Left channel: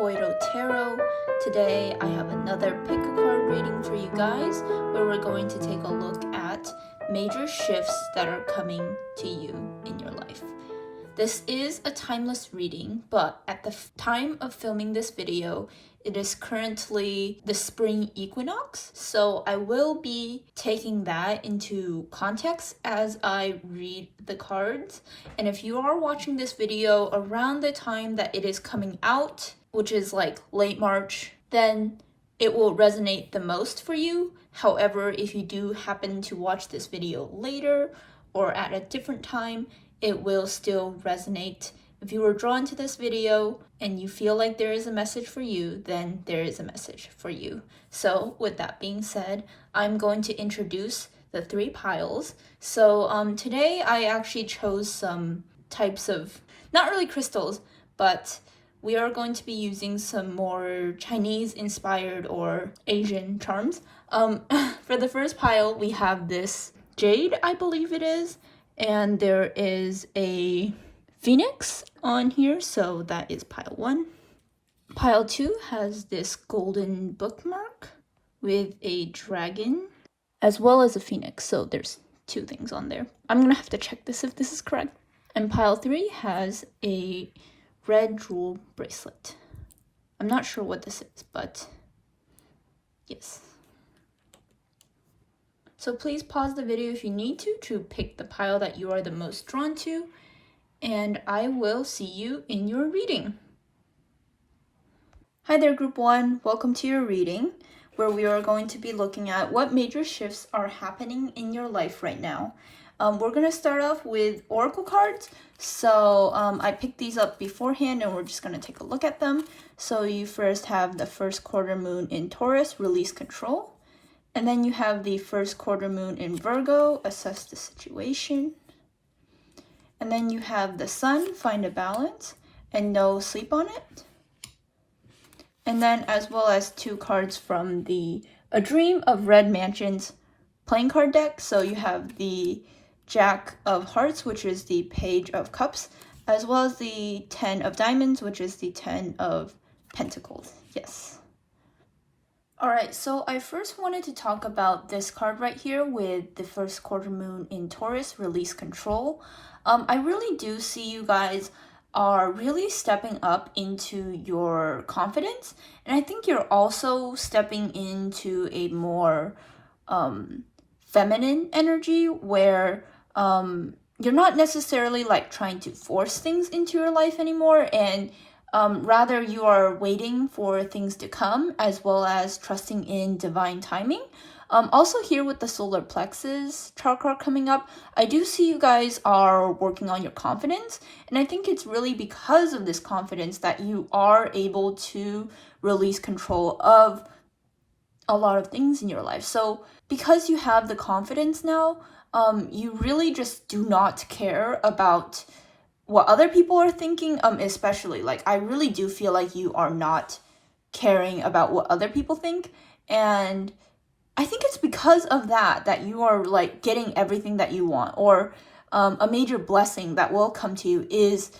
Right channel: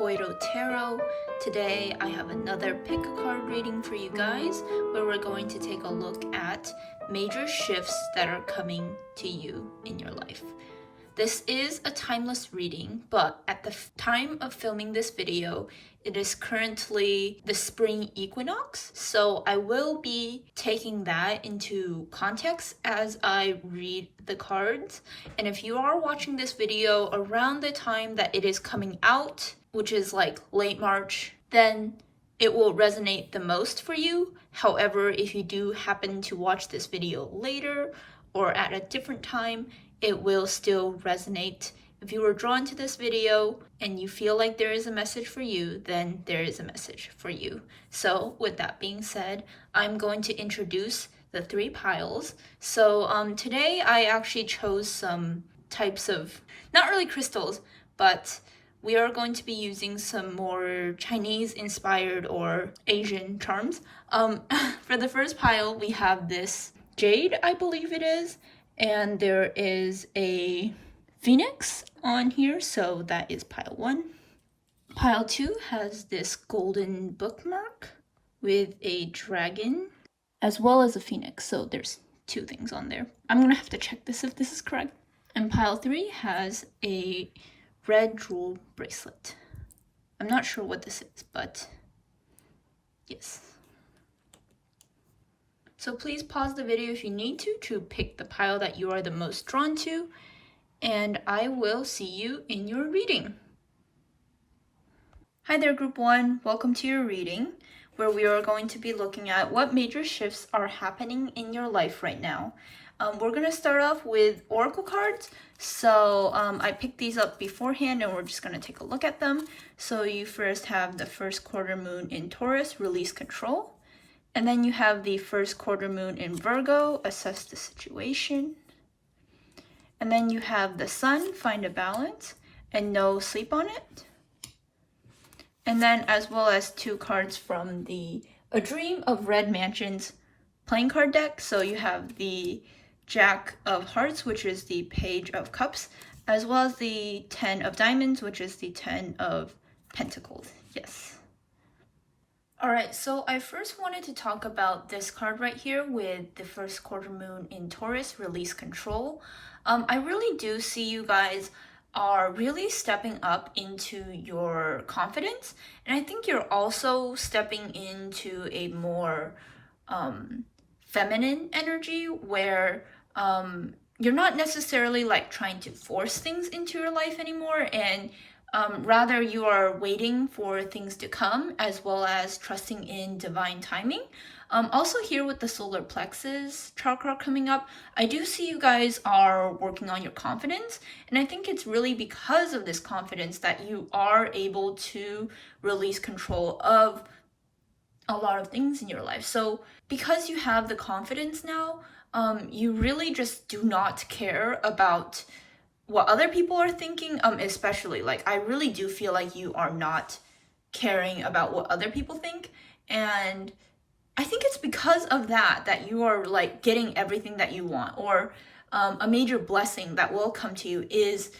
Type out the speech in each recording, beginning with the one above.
Koiro Tarot. Today I have another pick a card reading for you guys where we're going to take a look at major shifts that are coming to you in your life. This is a timeless reading, but at the time of filming this video, it is currently the Spring Equinox, so I will be taking that into context as I read the cards. And if you are watching this video around the time that it is coming out, which is like late March, then it will resonate the most for you. However, if you do happen to watch this video later or at a different time, it will still resonate. If you were drawn to this video and you feel like there is a message for you, then there is a message for you. So with that being said, I'm going to introduce the three piles. So today I actually chose some types of, not really crystals, but we are going to be using some more Chinese inspired or Asian charms. For the first pile, we have this Jade, I believe it is, and there is a Phoenix on here, so that is pile 1. Pile 2 has this golden bookmark with a dragon as well as a phoenix, so there's 2 things on there. I'm gonna have to check this if this is correct. And pile 3 has a red jewel bracelet. I'm not sure what this is, but yes. So please pause the video if you need to pick the pile that you are the most drawn to, and I will see you in your reading. Hi there, Group 1. Welcome to your reading, where we are going to be looking at what major shifts are happening in your life right now. We're going to start off with oracle cards. So I picked these up beforehand, and we're just going to take a look at them. So you first have the first quarter moon in Taurus, release control. And then you have the first quarter moon in Virgo, assess the situation. And then you have the sun, find a balance, and no, sleep on it. And then as well as 2 cards from the A Dream of Red Mansions playing card deck. So you have the Jack of Hearts, which is the Page of Cups, as well as the 10 of Diamonds, which is the 10 of Pentacles. Yes. Alright, so I first wanted to talk about this card right here with the first quarter moon in Taurus, release control. I really do see you guys are really stepping up into your confidence, and I think you're also stepping into a more feminine energy where you're not necessarily like trying to force things into your life anymore, and rather you are waiting for things to come as well as trusting in divine timing. Also here with the solar plexus chakra coming up, I do see you guys are working on your confidence, and I think it's really because of this confidence that you are able to release control of a lot of things in your life. So because you have the confidence now, you really just do not care about what other people are thinking, especially like I really do feel like you are not caring about what other people think, and I think it's because of that you are like getting everything that you want, or a major blessing that will come to you is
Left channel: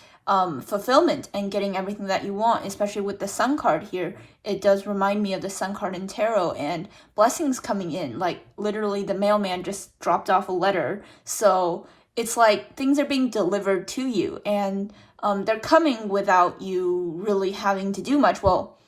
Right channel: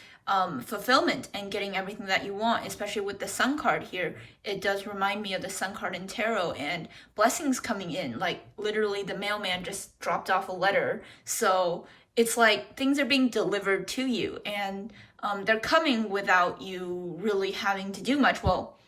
fulfillment and getting everything that you want, especially with the sun card here. It does remind me of the sun card in tarot and blessings coming in, like literally the mailman just dropped off a letter. So it's like things are being delivered to you, and they're coming without you really having to do much. Well,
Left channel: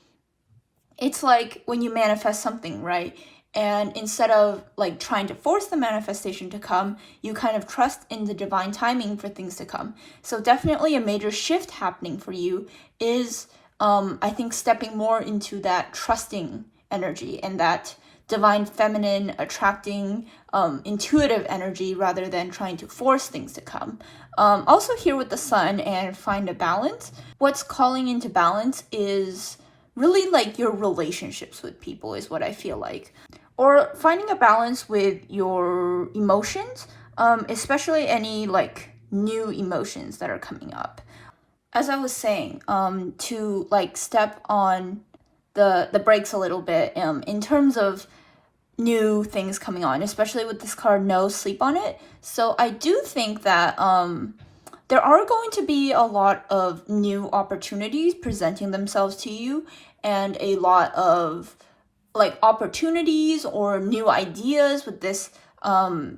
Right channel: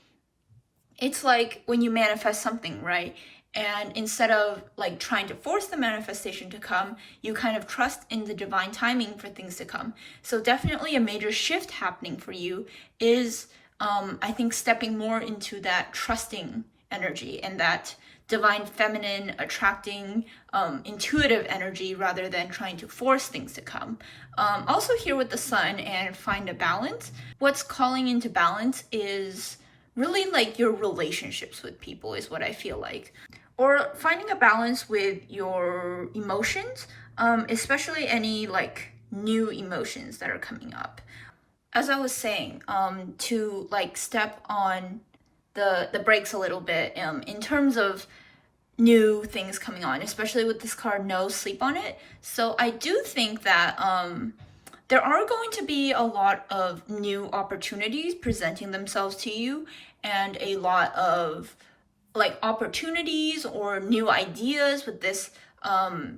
it's like when you manifest something, right? And instead of like trying to force the manifestation to come, you kind of trust in the divine timing for things to come. So definitely a major shift happening for you is, I think, stepping more into that trusting energy and that divine feminine, attracting, intuitive energy rather than trying to force things to come. Also here with the sun and find a balance, what's calling into balance is really like your relationships with people is what I feel like. Or finding a balance with your emotions, especially any like new emotions that are coming up. As I was saying, to like step on the brakes a little bit in terms of new things coming on, especially with this card, no, sleep on it. So I do think that there are going to be a lot of new opportunities presenting themselves to you, and a lot of like opportunities or new ideas with this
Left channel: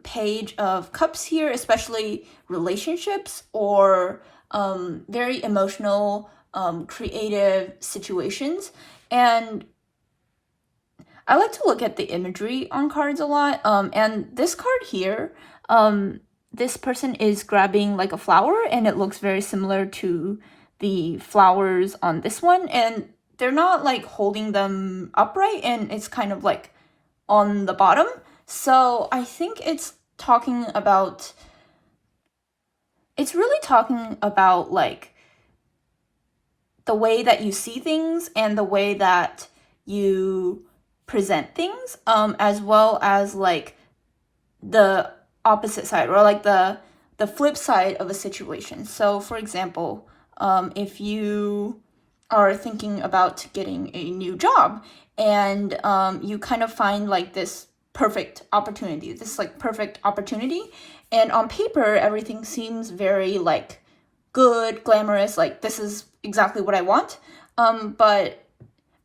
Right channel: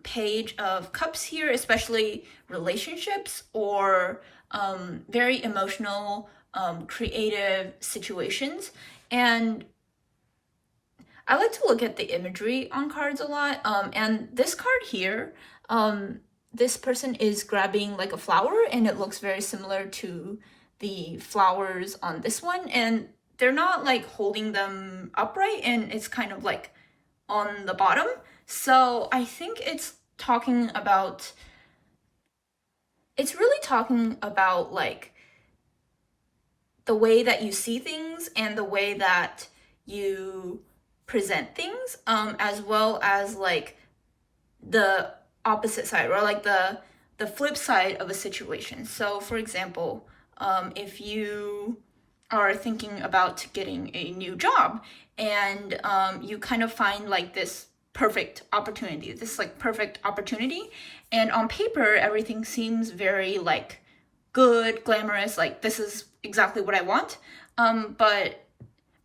Page of Cups here, especially relationships or very emotional, creative situations. And I like to look at the imagery on cards a lot. And this card here, this person is grabbing like a flower, and it looks very similar to the flowers on this one. And they're not like holding them upright, and it's kind of like on the bottom. So I think it's really talking about like the way that you see things and the way that you present things, as well as like the opposite side, or like the flip side of a situation. So for example, if you are thinking about getting a new job, and you kind of find like this perfect opportunity, and on paper everything seems very like good, glamorous, like this is exactly what I want, but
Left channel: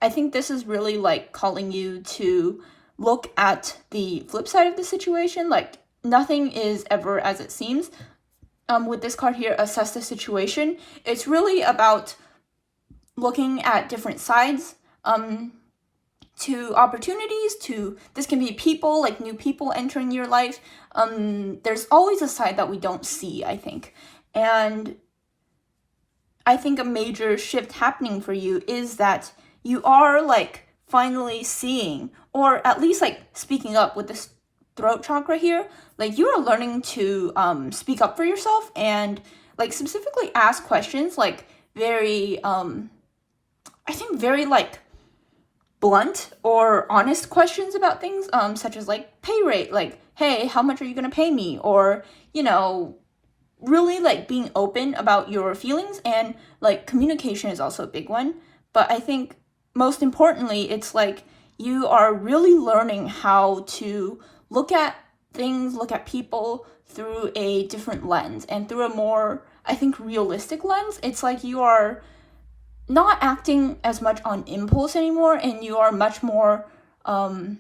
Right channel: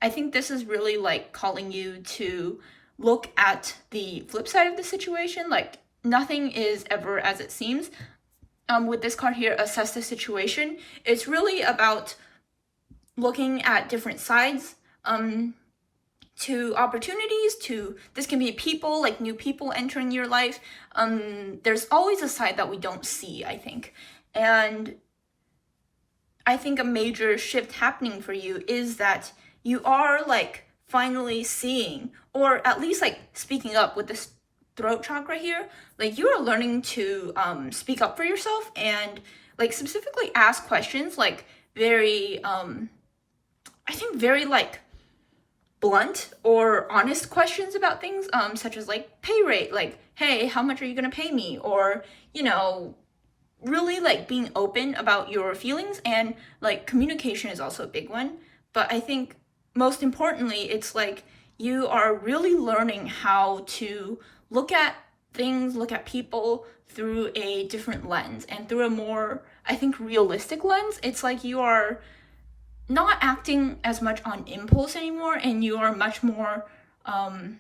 I think this is really like calling you to look at the flip side of the situation. Like nothing is ever as it seems. With this card here, assess the situation, it's really about looking at different sides to opportunities, to this can be people, like new people entering your life. There's always a side that we don't see, I think. And I think a major shift happening for you is that you are like finally seeing, or at least like speaking up with this throat chakra here. Like you are learning to speak up for yourself, and like specifically ask questions, like very I think very like blunt or honest questions about things, such as like pay rate, like, hey, how much are you gonna pay me? Or, you know, really like being open about your feelings. And like communication is also a big one. But I think most importantly, it's like you are really learning how to look at things, look at people through a different lens, and through a more, I think, realistic lens. It's like you are not acting as much on impulse anymore, and you are much more, I don't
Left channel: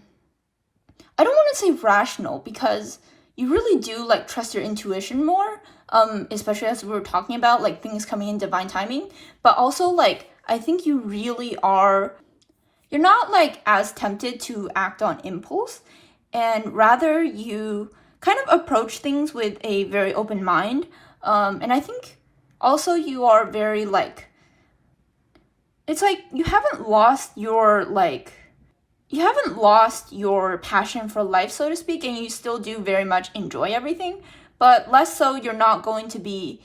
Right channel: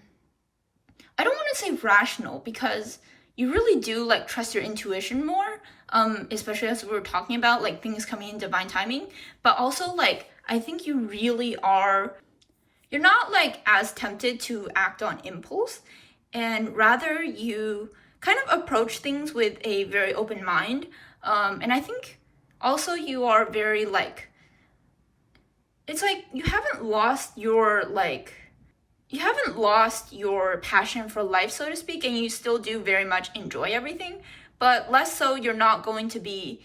want to say rational, because you really do like trust your intuition more, especially as we were talking about like things coming in divine timing. But also like I think you really are, you're not like as tempted to act on impulse, and rather you kind of approach things with a very open mind. And I think also you are very like, it's like you haven't lost your passion for life, so to speak, and you still do very much enjoy everything, but less so you're not going to be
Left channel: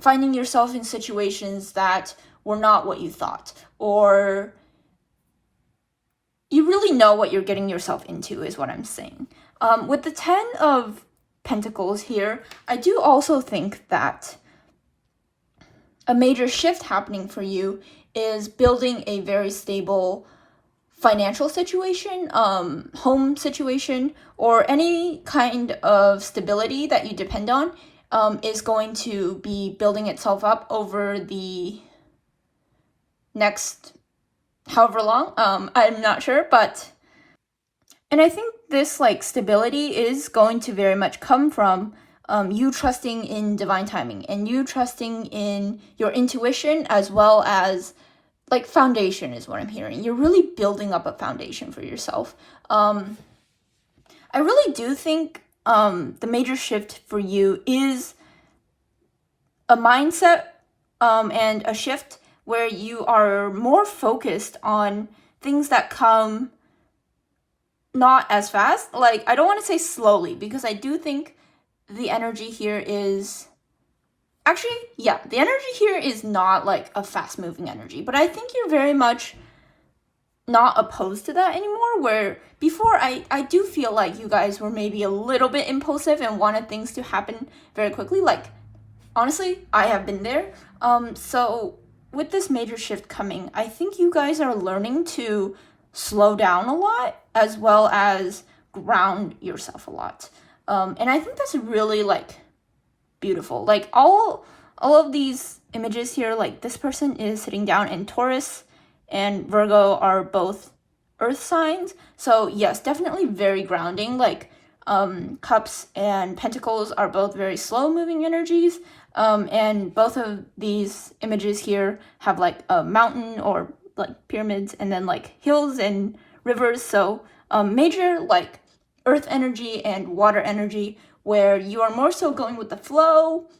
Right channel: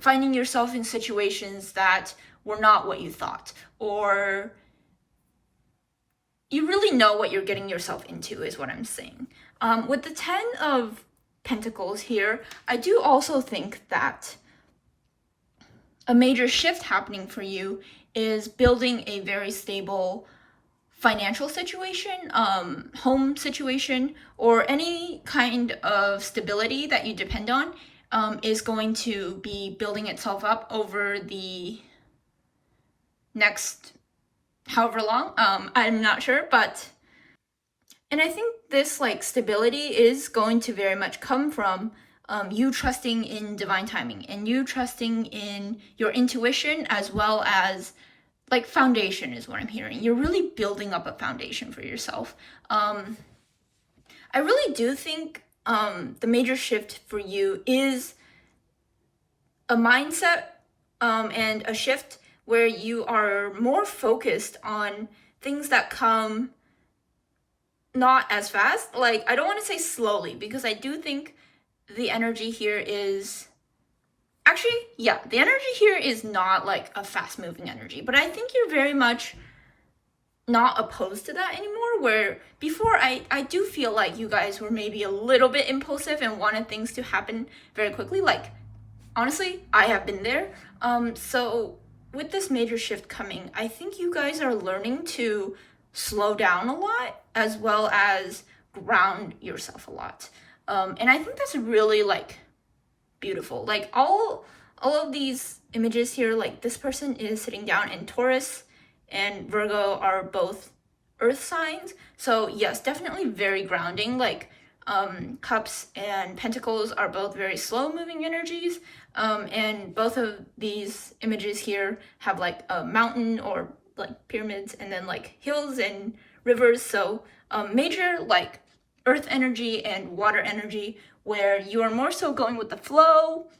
finding yourself in situations that were not what you thought, or you really know what you're getting yourself into, is what I'm saying. With the 10 of Pentacles here, I do also think that a major shift happening for you is building a very stable financial situation, home situation, or any kind of stability that you depend on, is going to be building itself up over the next however long. I'm not sure, and I think this like stability is going to very much come from you trusting in divine timing, and you trusting in your intuition, as well as like foundation is what I'm hearing. You're really building up a foundation for yourself. I really do think the major shift for you is a mindset and a shift where you are more focused on things that come not as fast. Like, I don't want to say slowly, because I do think the energy here is actually, yeah, the energy here is not like a fast moving energy, but I think you're very much not opposed to that anymore, where before I do feel like you guys were maybe a little bit impulsive and wanted things to happen very quickly. Like, honestly, I have been there. So with this major shift coming, I think you guys are learning to slow down a lot, as well as ground yourself a lot. And I think that's really like beautiful. Like all of these images here, like this person is sitting down, and Taurus and Virgo are both earth signs. So yes, definitely very grounding. Like Cups and Pentacles are both very slow moving energies. And both of these images here have like a mountain or like pyramids, and then like hills and rivers. So major like earth energy and water energy, where you are more so going with the flow,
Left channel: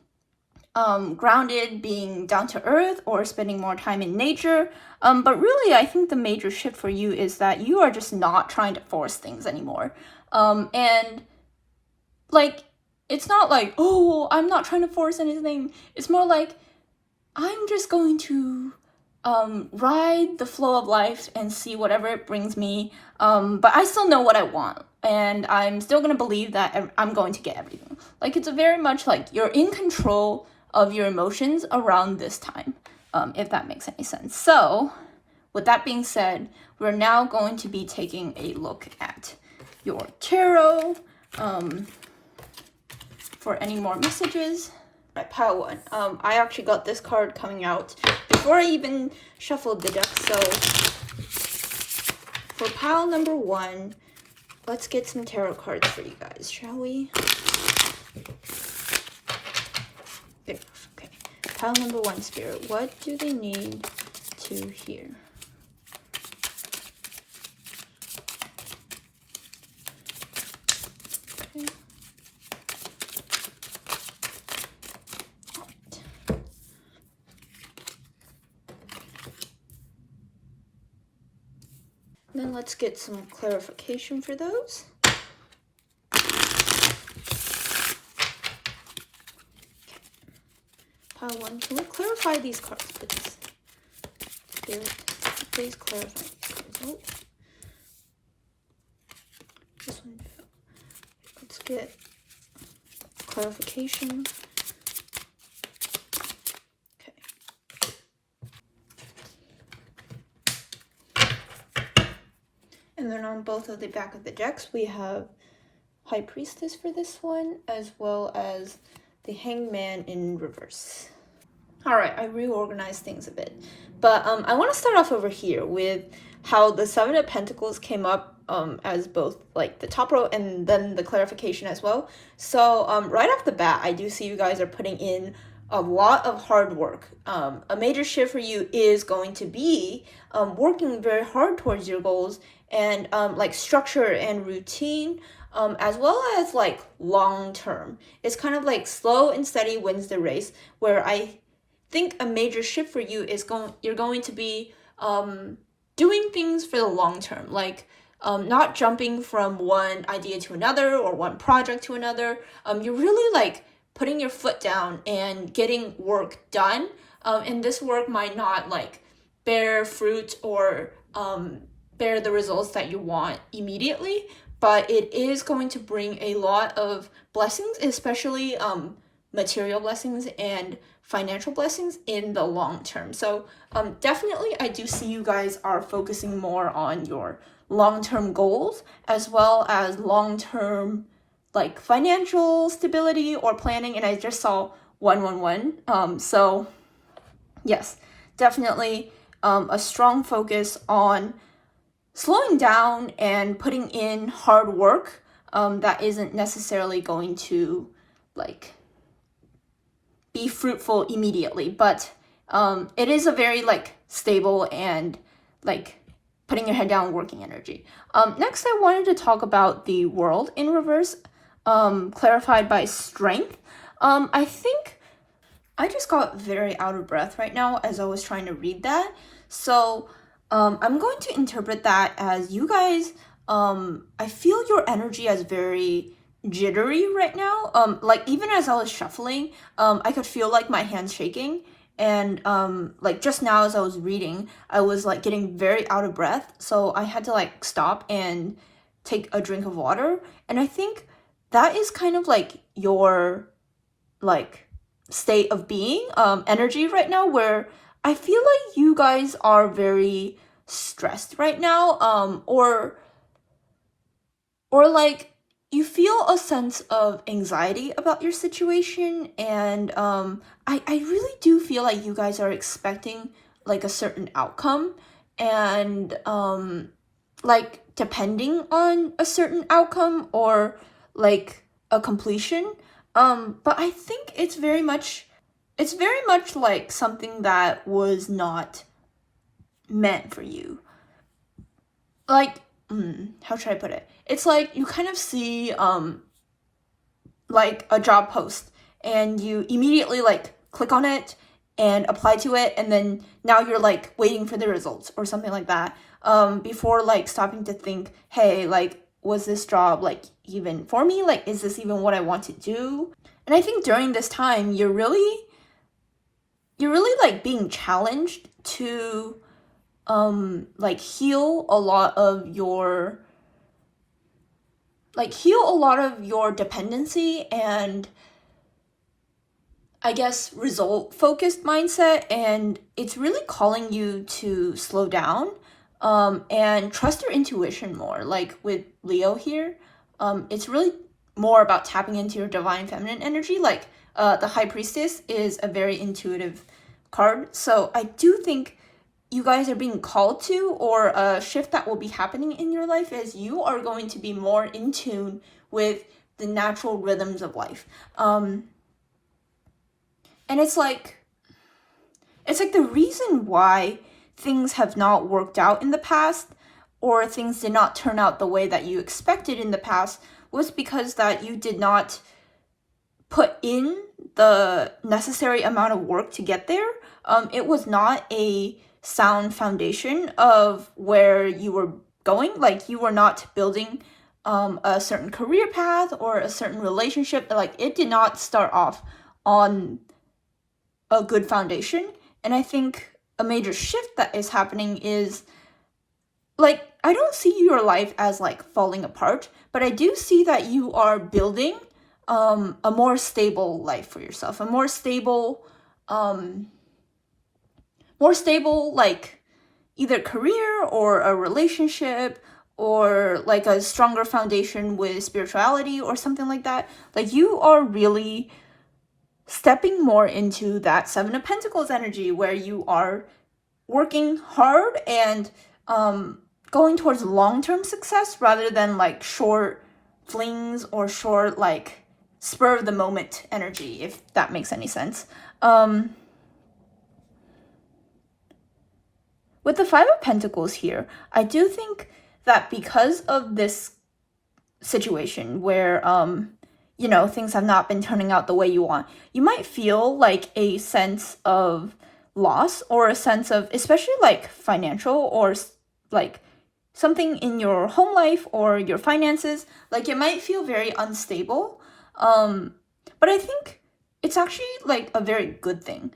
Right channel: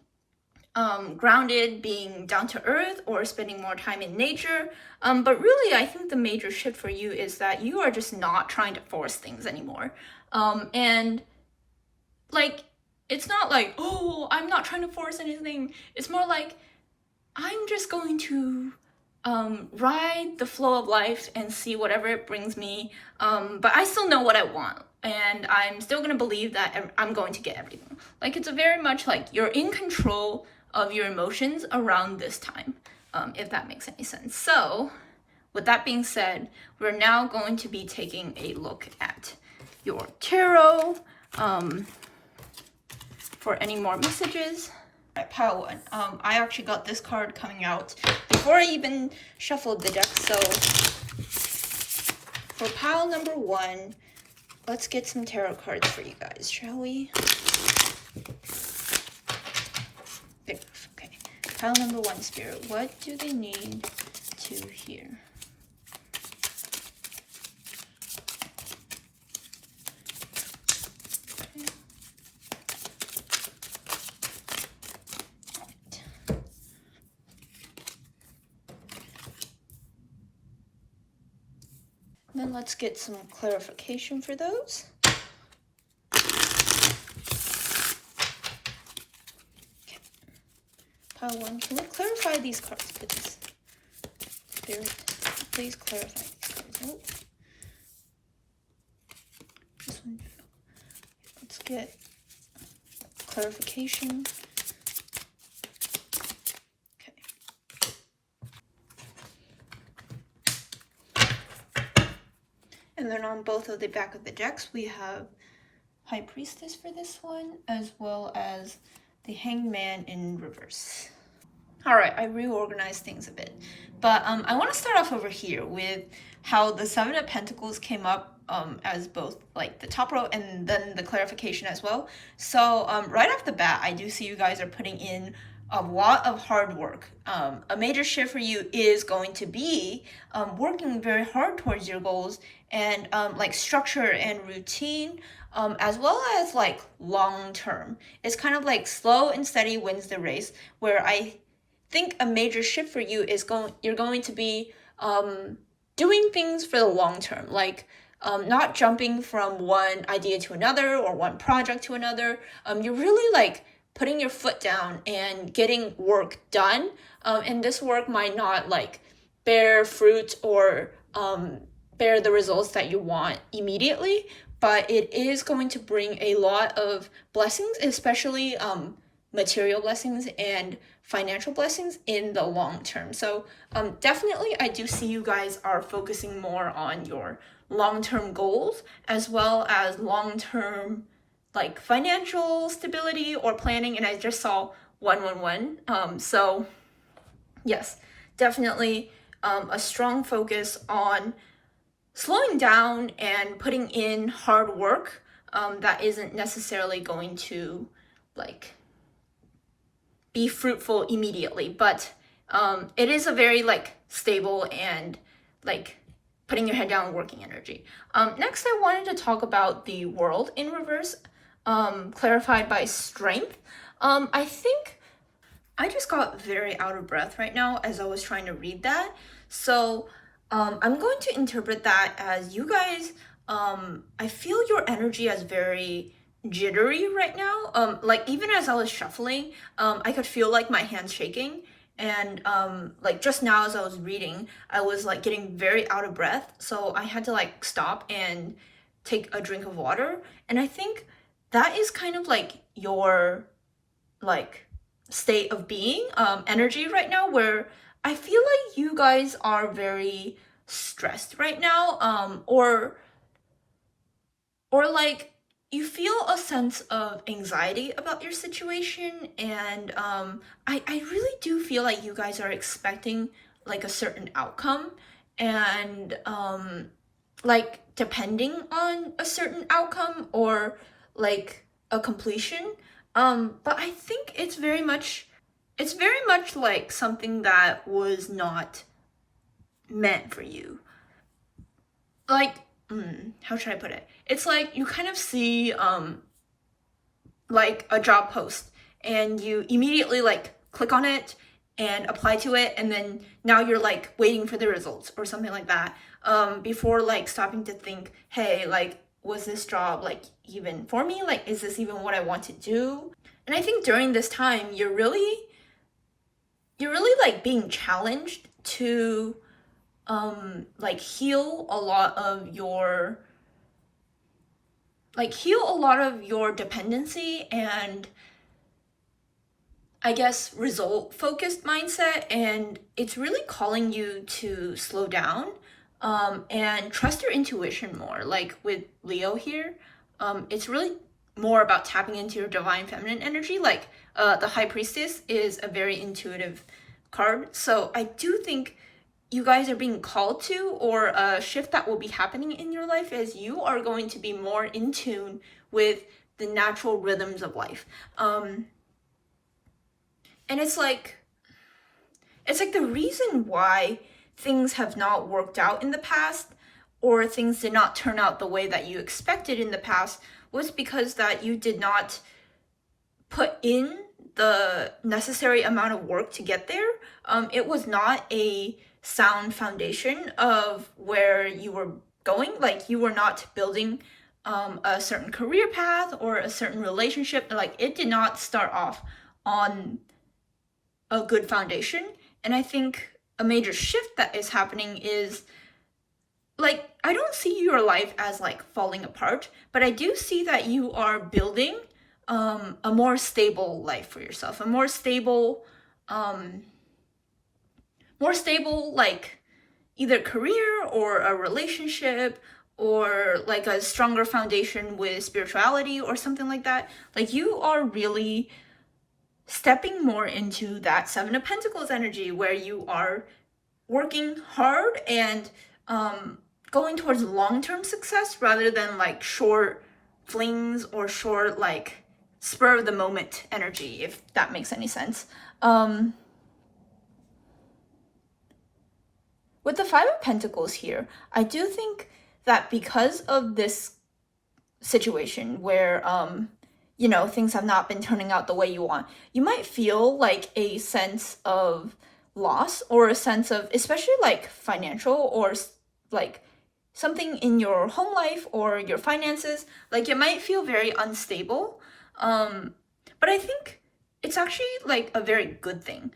grounded, being down to earth, or spending more time in nature. But really, I think the major shift for you is that you are just not trying to force things anymore. And like, it's not like, oh, I'm not trying to force anything. It's more like, I'm just going to ride the flow of life and see whatever it brings me. But I still know what I want, and I'm still gonna believe that I'm going to get everything. Like, it's a very much like you're in control of your emotions around this time, if that makes any sense. So with that being said, we're now going to be taking a look at your tarot for any more messages. All right, pile one. I actually got this card coming out before I even shuffled the deck. So for pile number one, let's get some tarot cards for you guys, shall we? There, okay. Pile number one, Spirit. What do they need to hear? Then let's get some clarification for those. Okay. Pile one, can we clarify these cards, please? Spirit, please clarify these cards. Oh. This one. Let's get clarification. And then on both of the back of the decks, we have High Priestess for this one, as well as the Hanged Man in reverse. All right, I reorganized things a bit. But I want to start off over here with how the Seven of Pentacles came up as both like the top row and then the clarification as well. So right off the bat, I do see you guys are putting in a lot of hard work. A major shift for you is going to be working very hard towards your goals, and like structure and routine, as well as like long term. It's kind of like slow and steady wins the race, where I think a major shift for you is you're going to be doing things for the long term, like not jumping from one idea to another or one project to another. You're really like putting your foot down and getting work done, and this work might not like bear fruit or bear the results that you want immediately, but it is going to bring a lot of blessings, especially material blessings and financial blessings in the long term. So definitely I do see you guys are focusing more on your long-term goals, as well as long-term like financial stability or planning. And I just saw 111. So yes, definitely a strong focus on slowing down and putting in hard work that isn't necessarily going to like be fruitful immediately, but it is a very like stable and like putting your head down working energy. Next, I wanted to talk about the World in reverse, clarified by Strength. I think I just got very out of breath right now as I was trying to read that. So I'm going to interpret that as you guys, I feel your energy as very jittery right now. Like even as I was shuffling, I could feel like my hands shaking. And like just now as I was reading, I was like getting very out of breath. So I had to like stop and take a drink of water. And I think that is kind of like your like state of being, energy right now, where I feel like you guys are very stressed right now, or like you feel a sense of anxiety about your situation, and I really do feel like you guys are expecting like a certain outcome, and like depending on a certain outcome or like a completion. But I think it's very much like something that was not meant for you. Like, how should I put it? It's like you kind of see like a job post and you immediately like click on it and apply to it, and then now you're like waiting for the results or something like that, before like stopping to think, hey, like, was this job like even for me? Like, is this even what I want to do? And I think during this time you're really like being challenged to like heal a lot of your dependency and I guess result focused mindset, and it's really calling you to slow down and trust your intuition more. Like with Leo here, it's really more about tapping into your divine feminine energy. Like the High Priestess is a very intuitive card, so I do think you guys are being called to, or a shift that will be happening in your life is you are going to be more in tune with the natural rhythms of life. And it's like the reason why things have not worked out in the past, or things did not turn out the way that you expected in the past, was because that you did not put in the necessary amount of work to get there. It was not a sound foundation of where you were going. Like, you were not building a certain career path or a certain relationship. Like, it did not start off on a good foundation. And I think a major shift that is happening is, like, I don't see your life as like falling apart, but I do see that you are building a more stable life for yourself, a more stable like either career or a relationship, or like a stronger foundation with spirituality or something like that. Like, you are really stepping more into that Seven of Pentacles energy, where you are working hard and going towards long-term success rather than like short flings or short like spur of the moment energy, if that makes any sense. With the Five of Pentacles here, I do think that because of this situation where you know, things have not been turning out the way you want, you might feel like a sense of loss, or a sense of, especially like financial, or like something in your home life or your finances, like it might feel very unstable. But I think it's actually like a very good thing,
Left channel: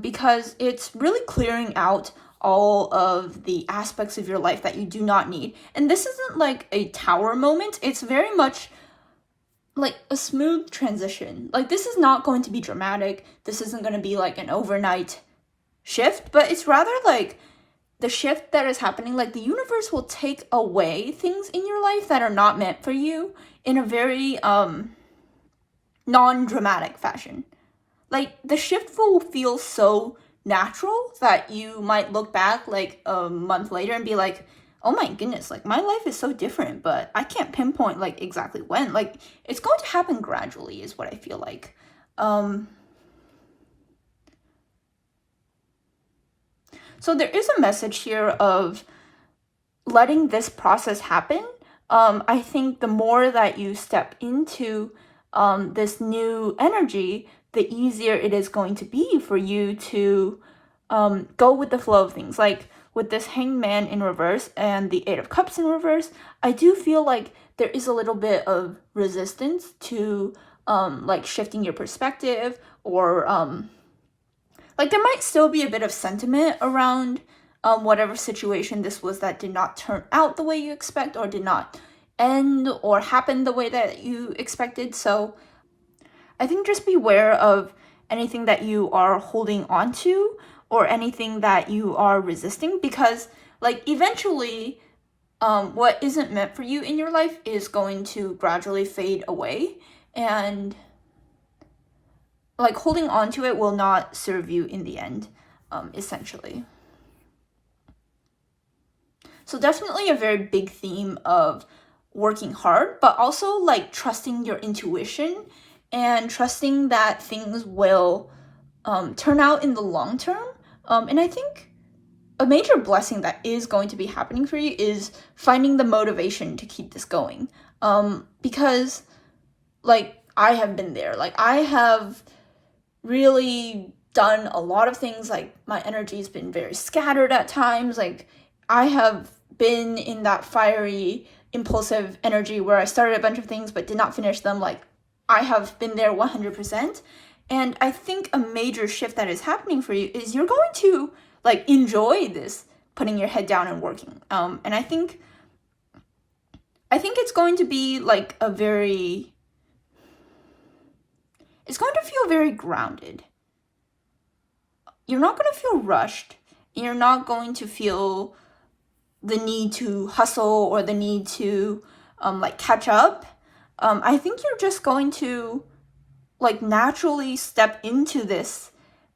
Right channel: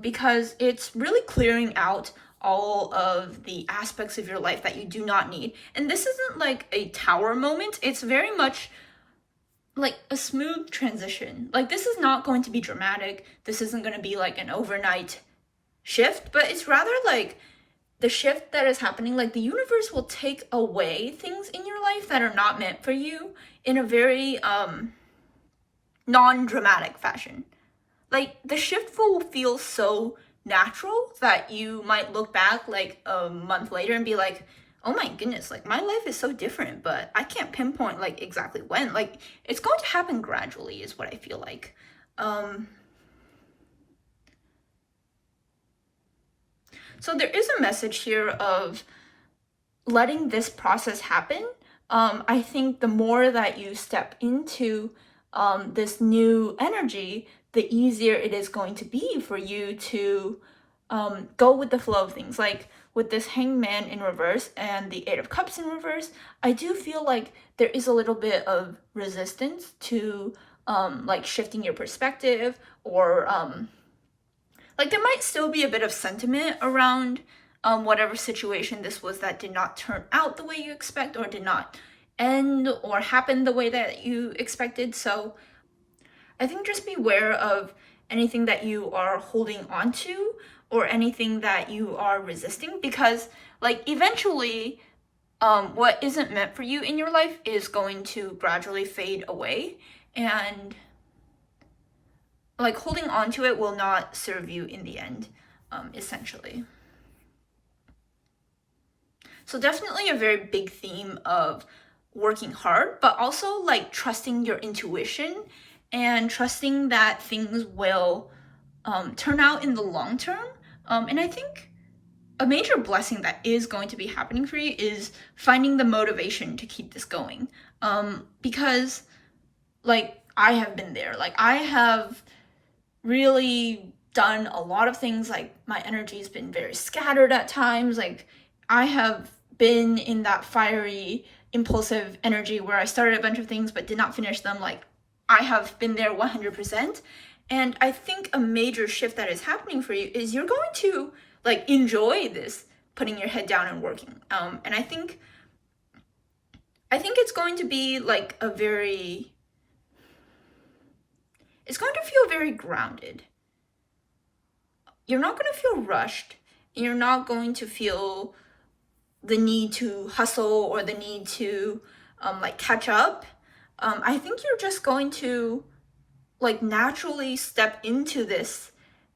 because it's really clearing out all of the aspects of your life that you do not need. And this isn't like a tower moment, it's very much like a smooth transition. Like, this is not going to be dramatic, this isn't going to be like an overnight shift, but it's rather like the shift that is happening, like the universe will take away things in your life that are not meant for you in a very non-dramatic fashion. Like, the shift will feel so natural that you might look back like a month later and be like, oh my goodness, like my life is so different, but I can't pinpoint like exactly when. Like, it's going to happen gradually is what I feel like. So there is a message here of letting this process happen. I think the more that you step into this new energy, the easier it is going to be for you to go with the flow of things. Like, with this Hangman in reverse and the Eight of Cups in reverse, I do feel like there is a little bit of resistance to like shifting your perspective, or like there might still be a bit of sentiment around whatever situation this was that did not turn out the way you expect, or did not end or happen the way that you expected. So I think just beware of anything that you are holding on to, or anything that you are resisting, because like eventually what isn't meant for you in your life is going to gradually fade away, and like holding on to it will not serve you in the end, essentially. So definitely a very big theme of working hard, but also like trusting your intuition and trusting that things will turn out in the long term. And I think a major blessing that is going to be happening for you is finding the motivation to keep this going. Because like I have been there, like I have really done a lot of things, like my energy has been very scattered at times. Like I have been in that fiery, impulsive energy where I started a bunch of things but did not finish them. Like I have been there 100%. And I think a major shift that is happening for you is you're going to like enjoy this putting your head down and working. And I think it's going to be like it's going to feel very grounded. You're not going to feel rushed. You're not going to feel the need to hustle or the need to like catch up. I think you're just going to like naturally step into this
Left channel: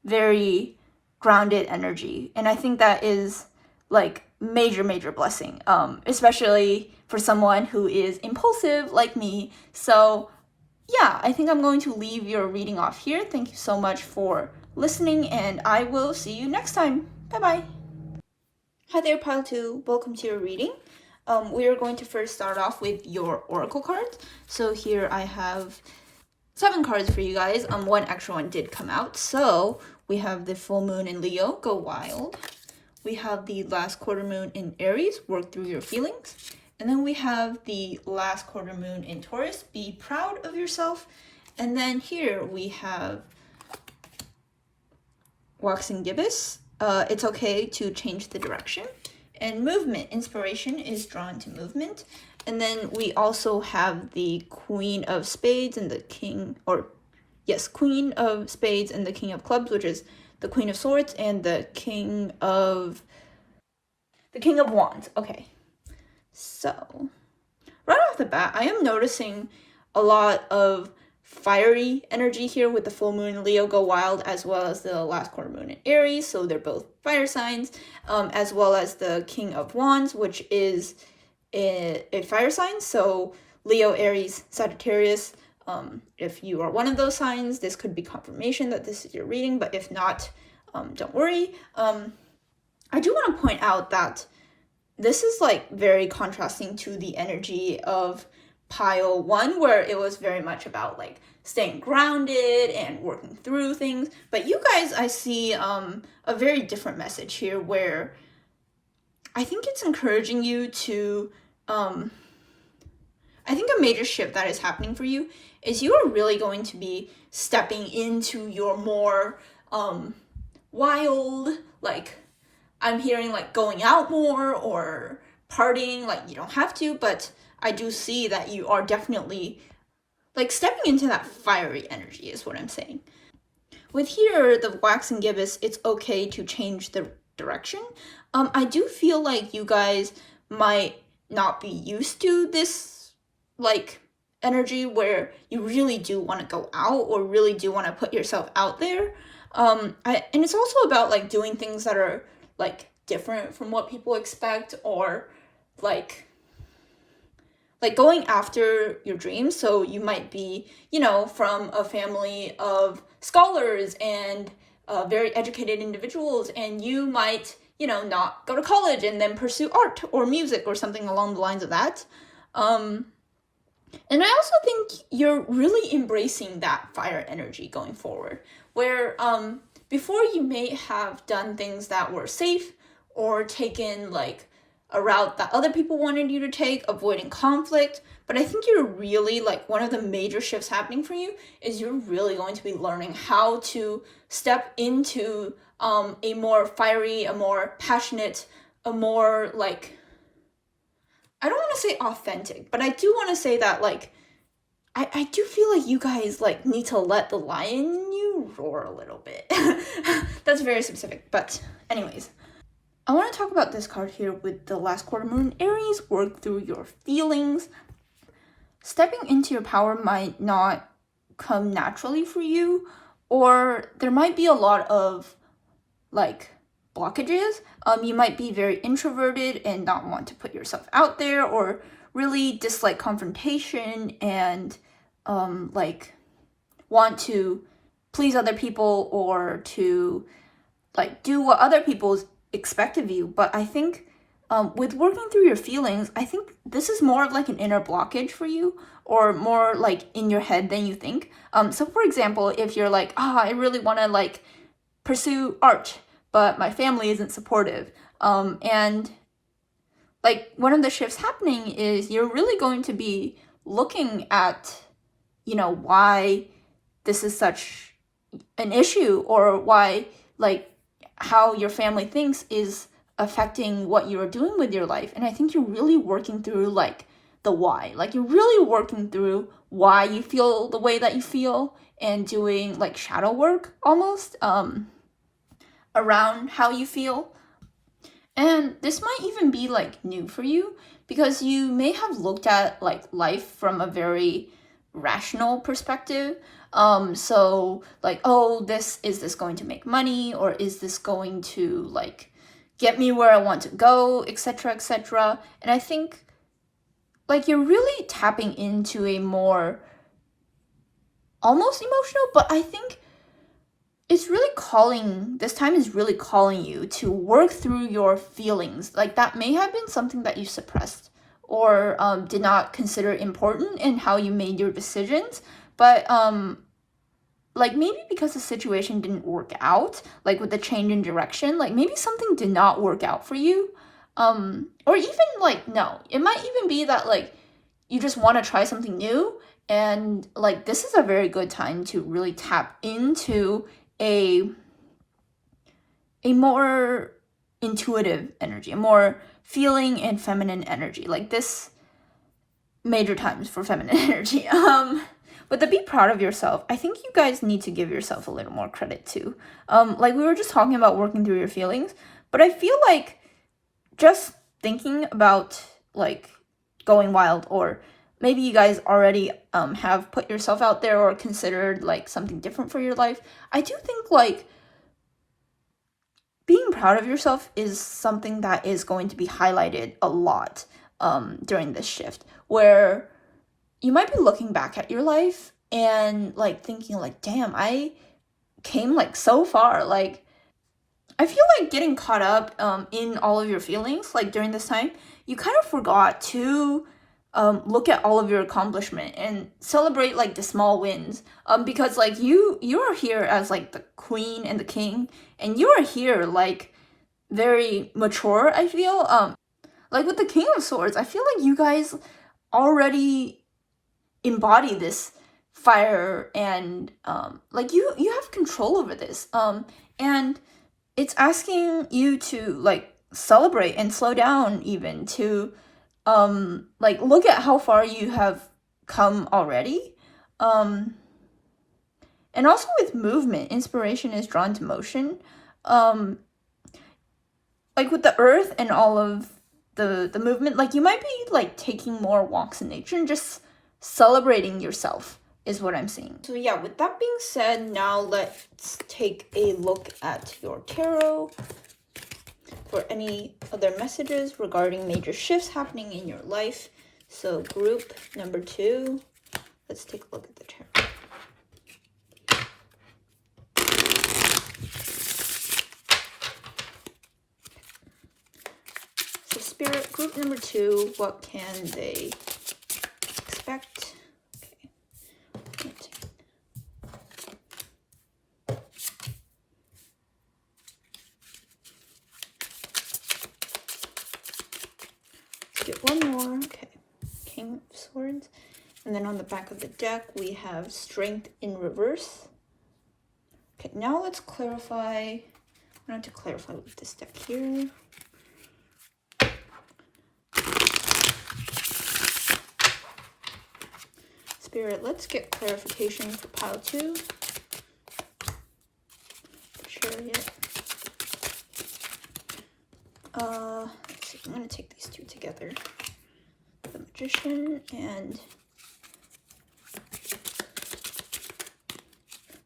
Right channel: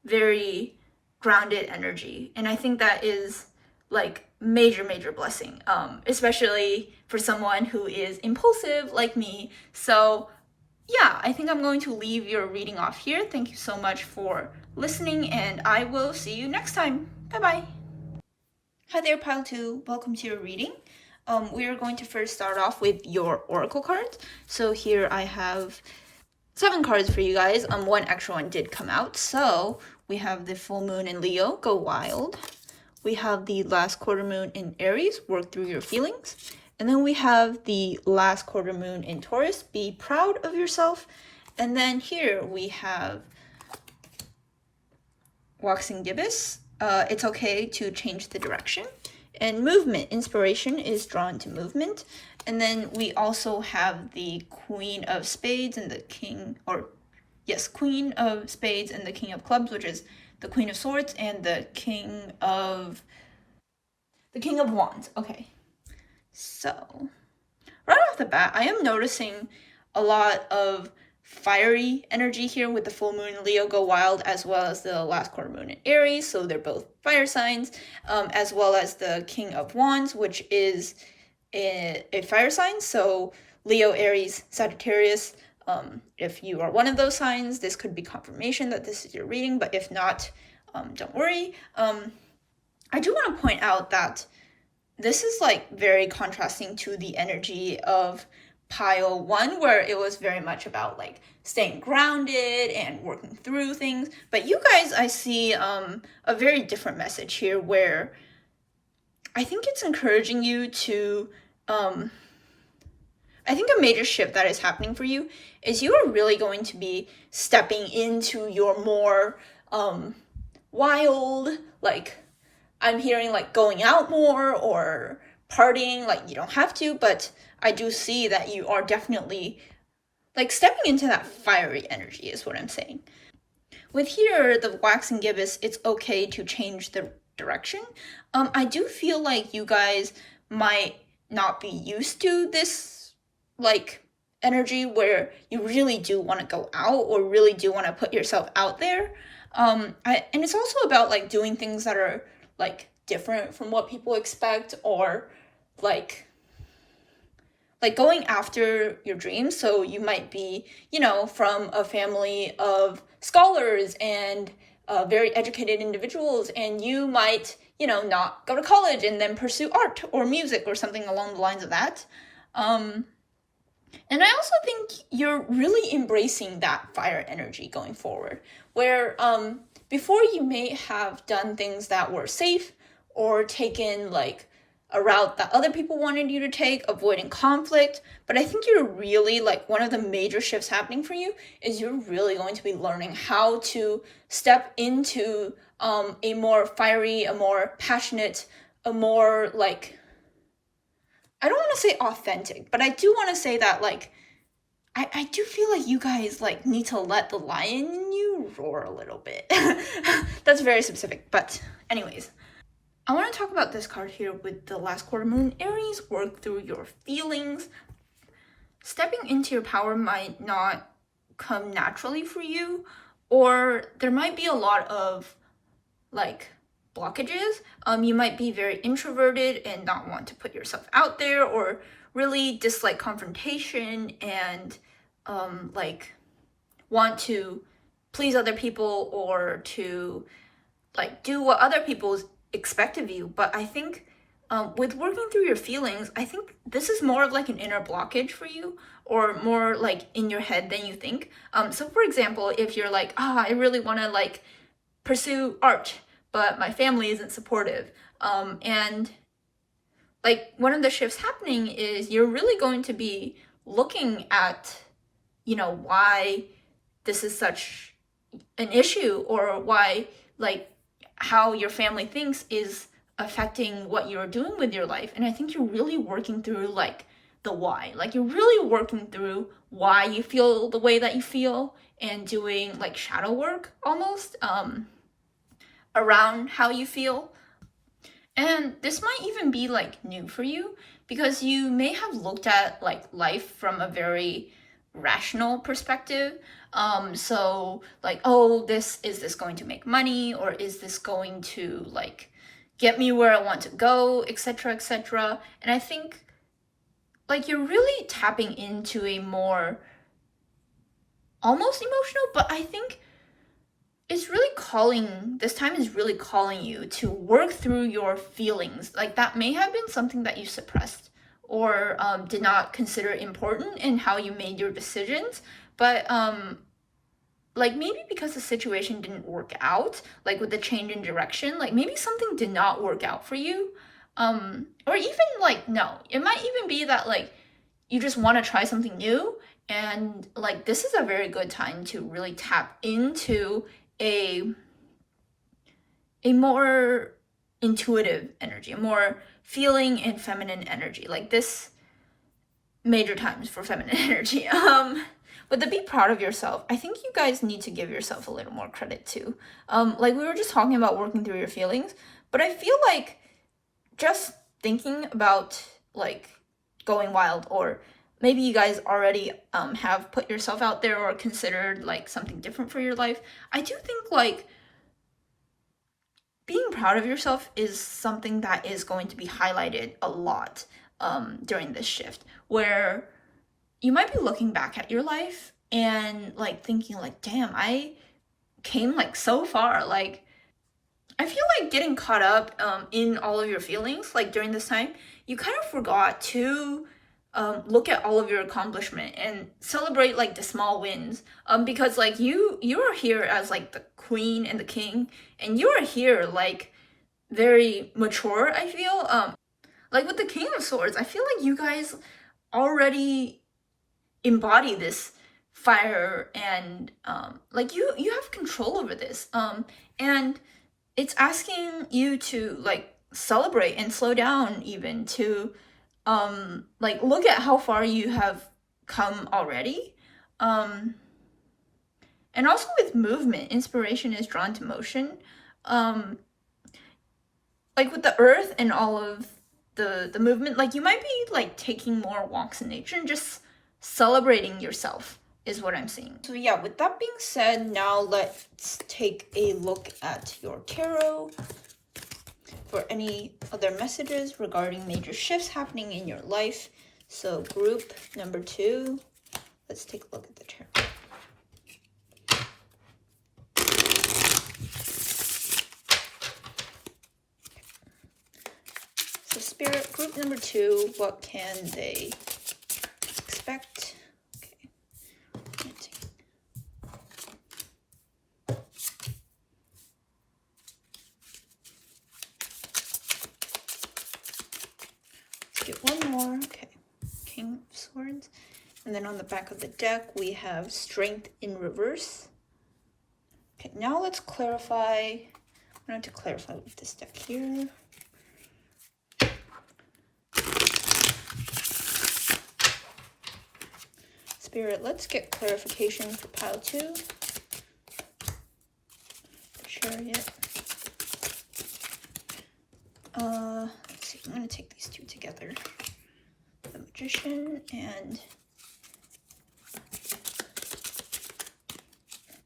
very grounded energy, and I think that is like major blessing, especially for someone who is impulsive like me. So yeah, I think I'm going to leave your reading off here. Thank you so much for listening, and I will see you next time. Bye bye. Hi there, Pile 2. Welcome to your reading. We are going to first start off with your oracle cards. So here I have 7 cards for you guys. One extra one did come out. So we have the full moon in Leo, go wild. We have the last quarter moon in Aries, work through your feelings. And then we have the last quarter moon in Taurus, be proud of yourself. And then here we have waxing gibbous, it's okay to change the direction. And movement, inspiration is drawn to movement. And then we also have the Queen of Spades and the Queen of Spades and the King of Clubs, which is the Queen of Swords and the King of Wands. Okay, so right off the bat, I am noticing a lot of fiery energy here with the full moon in Leo, go wild, as well as the last quarter moon in Aries. So they're both fire signs, as well as the King of Wands, which is a fire sign. So Leo, Aries, Sagittarius. If you are one of those signs, this could be confirmation that this is your reading, but if not, don't worry. I do want to point out that this is like very contrasting to the energy of pile 1, where it was very much about like staying grounded and working through things. But you guys, I see a very different message here, where I think it's encouraging you to I think a major shift that is happening for you is you are really going to be stepping into your more wild, like I'm hearing like going out more or partying. Like you don't have to, but I do see that you are definitely like stepping into that fiery energy is what I'm saying. With here, the waxing gibbous, it's okay to change the direction. I do feel like you guys might not be used to this like energy where you really do want to go out or really do want to put yourself out there. And it's also about like doing things that are like different from what people expect, or like going after your dreams. So you might be, from a family of scholars and very educated individuals, and you might, not go to college and then pursue art or music or something along the lines of that. And I also think you're really embracing that fire energy going forward, where before you may have done things that were safe or taken like a route that other people wanted you to take, avoiding conflict. But I think you're really like one of the major shifts happening for you is you're really going to be learning how to step into a more fiery, a more passionate, a more like, I don't want to say authentic, but I do want to say that like, I do feel like you guys like need to let the lion in you roar a little bit. That's very specific, but anyways. I want to talk about this card here with the last quarter moon. Aries, work through your feelings. Stepping into your power might not come naturally for you, or there might be a lot of like blockages. You might be very introverted and not want to put yourself out there, or really dislike confrontation and like want to please other people or to like do what other people expect of you. But I think with working through your feelings, I think this is more of like an inner blockage for you, or more like in your head than you think. So for example, if you're like, I really want to like pursue art, but my family isn't supportive, and like one of the shifts happening is you're really going to be looking at, why this is such an issue, or why like how your family thinks is affecting what you're doing with your life. And I think you're really working through like the why. Like you're really working through why you feel the way that you feel, and doing like shadow work almost around how you feel. And this might even be like new for you, because you may have looked at like life from a very rational perspective. So like, is this going to make money, or is this going to like get me where I want to go, etc., etc. And I think like you're really tapping into a more almost emotional, but I think it's really this time is really calling you to work through your feelings. Like that may have been something that you suppressed, or did not consider important in how you made your decisions. But like maybe because the situation didn't work out, like with the change in direction, like maybe something did not work out for you. Or even like, no, it might even be that like you just want to try something new, and like this is a very good time to really tap into a more intuitive energy, a more feeling and feminine energy. Like this major times for feminine energy. With the be proud of yourself, I think you guys need to give yourself a little more credit too. Like we were just talking about working through your feelings, but I feel like just thinking about like going wild, or maybe you guys already have put yourself out there or considered like something different for your life. I do think like being proud of yourself is something that is going to be highlighted a lot during this shift, where you might be looking back at your life and like thinking like, damn, I came like so far. Like I feel like getting caught up in all of your feelings like during this time, you kind of forgot to look at all of your accomplishment and celebrate like the small wins, because like you are here as like the queen and the king, and you are here like very mature. I feel like with the King of Swords, I feel like you guys already embody this fire, and like you have control over this, and it's asking you to like celebrate and slow down, even to like look at how far you have come already. And also with movement, inspiration is drawn to motion. Like with the earth and all of the movement, like you might be like taking more walks in nature and just celebrating yourself is what I'm seeing. So yeah, with that being said, now let's take a look at your tarot for any other messages regarding major shifts happening in your life. So group number 2, let's take a look at the tarot. So Spirit, group number 2, what can they expect? Okay. Get one more. Okay, King of Swords. And then on the back of the deck, we have Strength in reverse. Okay, now let's clarify. I'm going to clarify with this deck here. Spirit, let's get clarification for pile 2. Chariot. Let's see, I'm gonna take these two together. The Magician and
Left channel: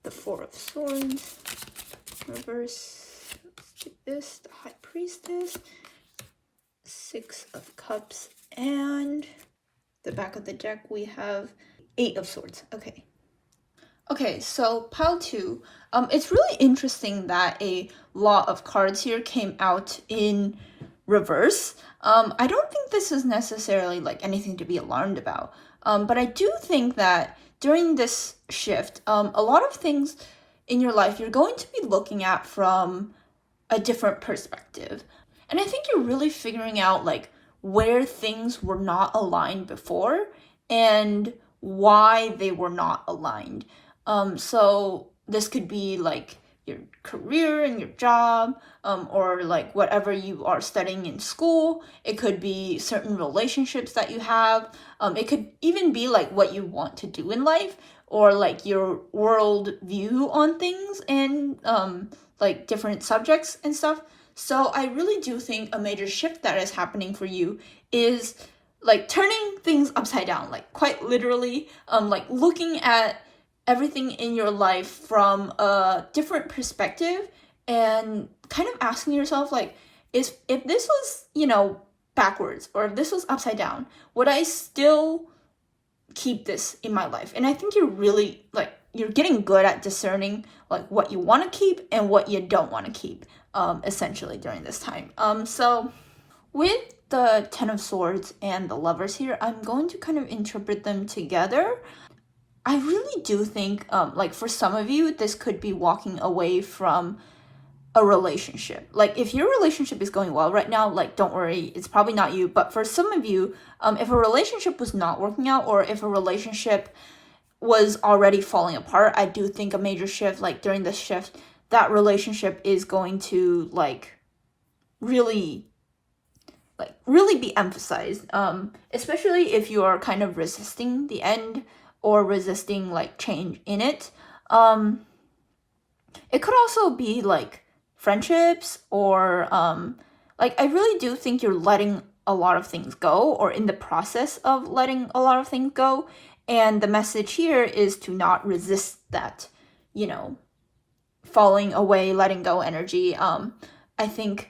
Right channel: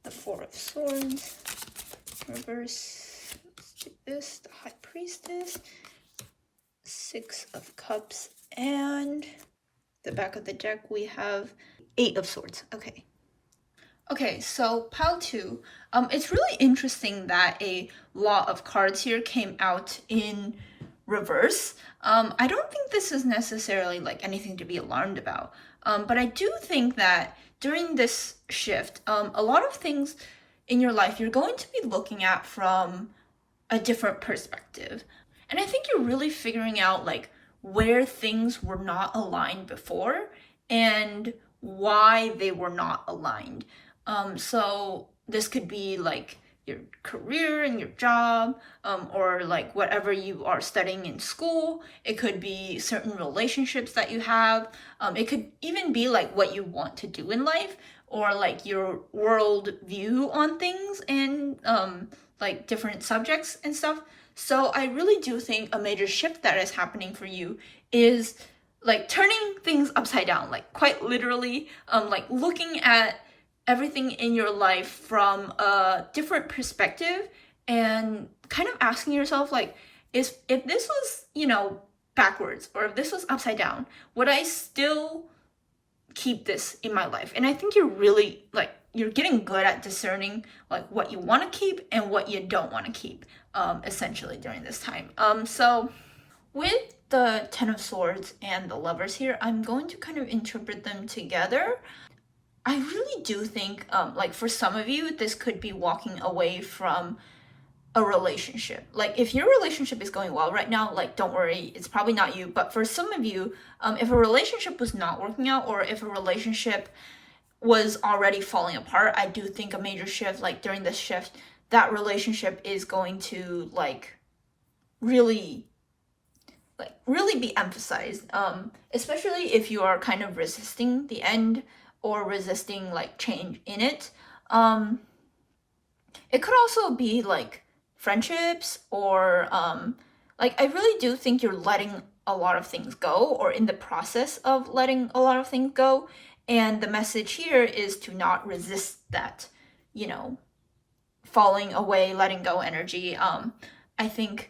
the Four of Swords. Reverse, let's do this, the High Priestess. Six of Cups, and the back of the deck we have Eight of Swords. Okay, so pile 2. It's really interesting that a lot of cards here came out in reverse. I don't think this is necessarily like anything to be alarmed about, but I do think that during this shift, a lot of things in your life you're going to be looking at from a different perspective. And I think you're really figuring out like where things were not aligned before and why they were not aligned. So this could be like your career and your job, or like whatever you are studying in school. It could be certain relationships that you have. It could even be like what you want to do in life, or like your world view on things and like different subjects and stuff. So I really do think a major shift that is happening for you is like turning things upside down, like quite literally, like looking at everything in your life from a different perspective and kind of asking yourself like, if this was, you know, backwards, or if this was upside down, would I still keep this in my life? And I think you're really like, you're getting good at discerning like what you want to keep and what you don't want to keep, essentially during this time. So with the Ten of Swords and the Lovers here, I'm going to kind of interpret them together. I really do think, like for some of you, this could be walking away from a relationship. Like if your relationship is going well right now, like don't worry, it's probably not you. But for some of you, if a relationship was not working out, or if a relationship was already falling apart, I do think a major shift, like during this shift, that relationship is going to like really be emphasized, especially if you are kind of resisting the end or resisting like change in it. It could also be like friendships, or like I really do think you're letting a lot of things go, or in the process of letting a lot of things go, and the message here is to not resist that, you know, falling away, letting go energy. I think,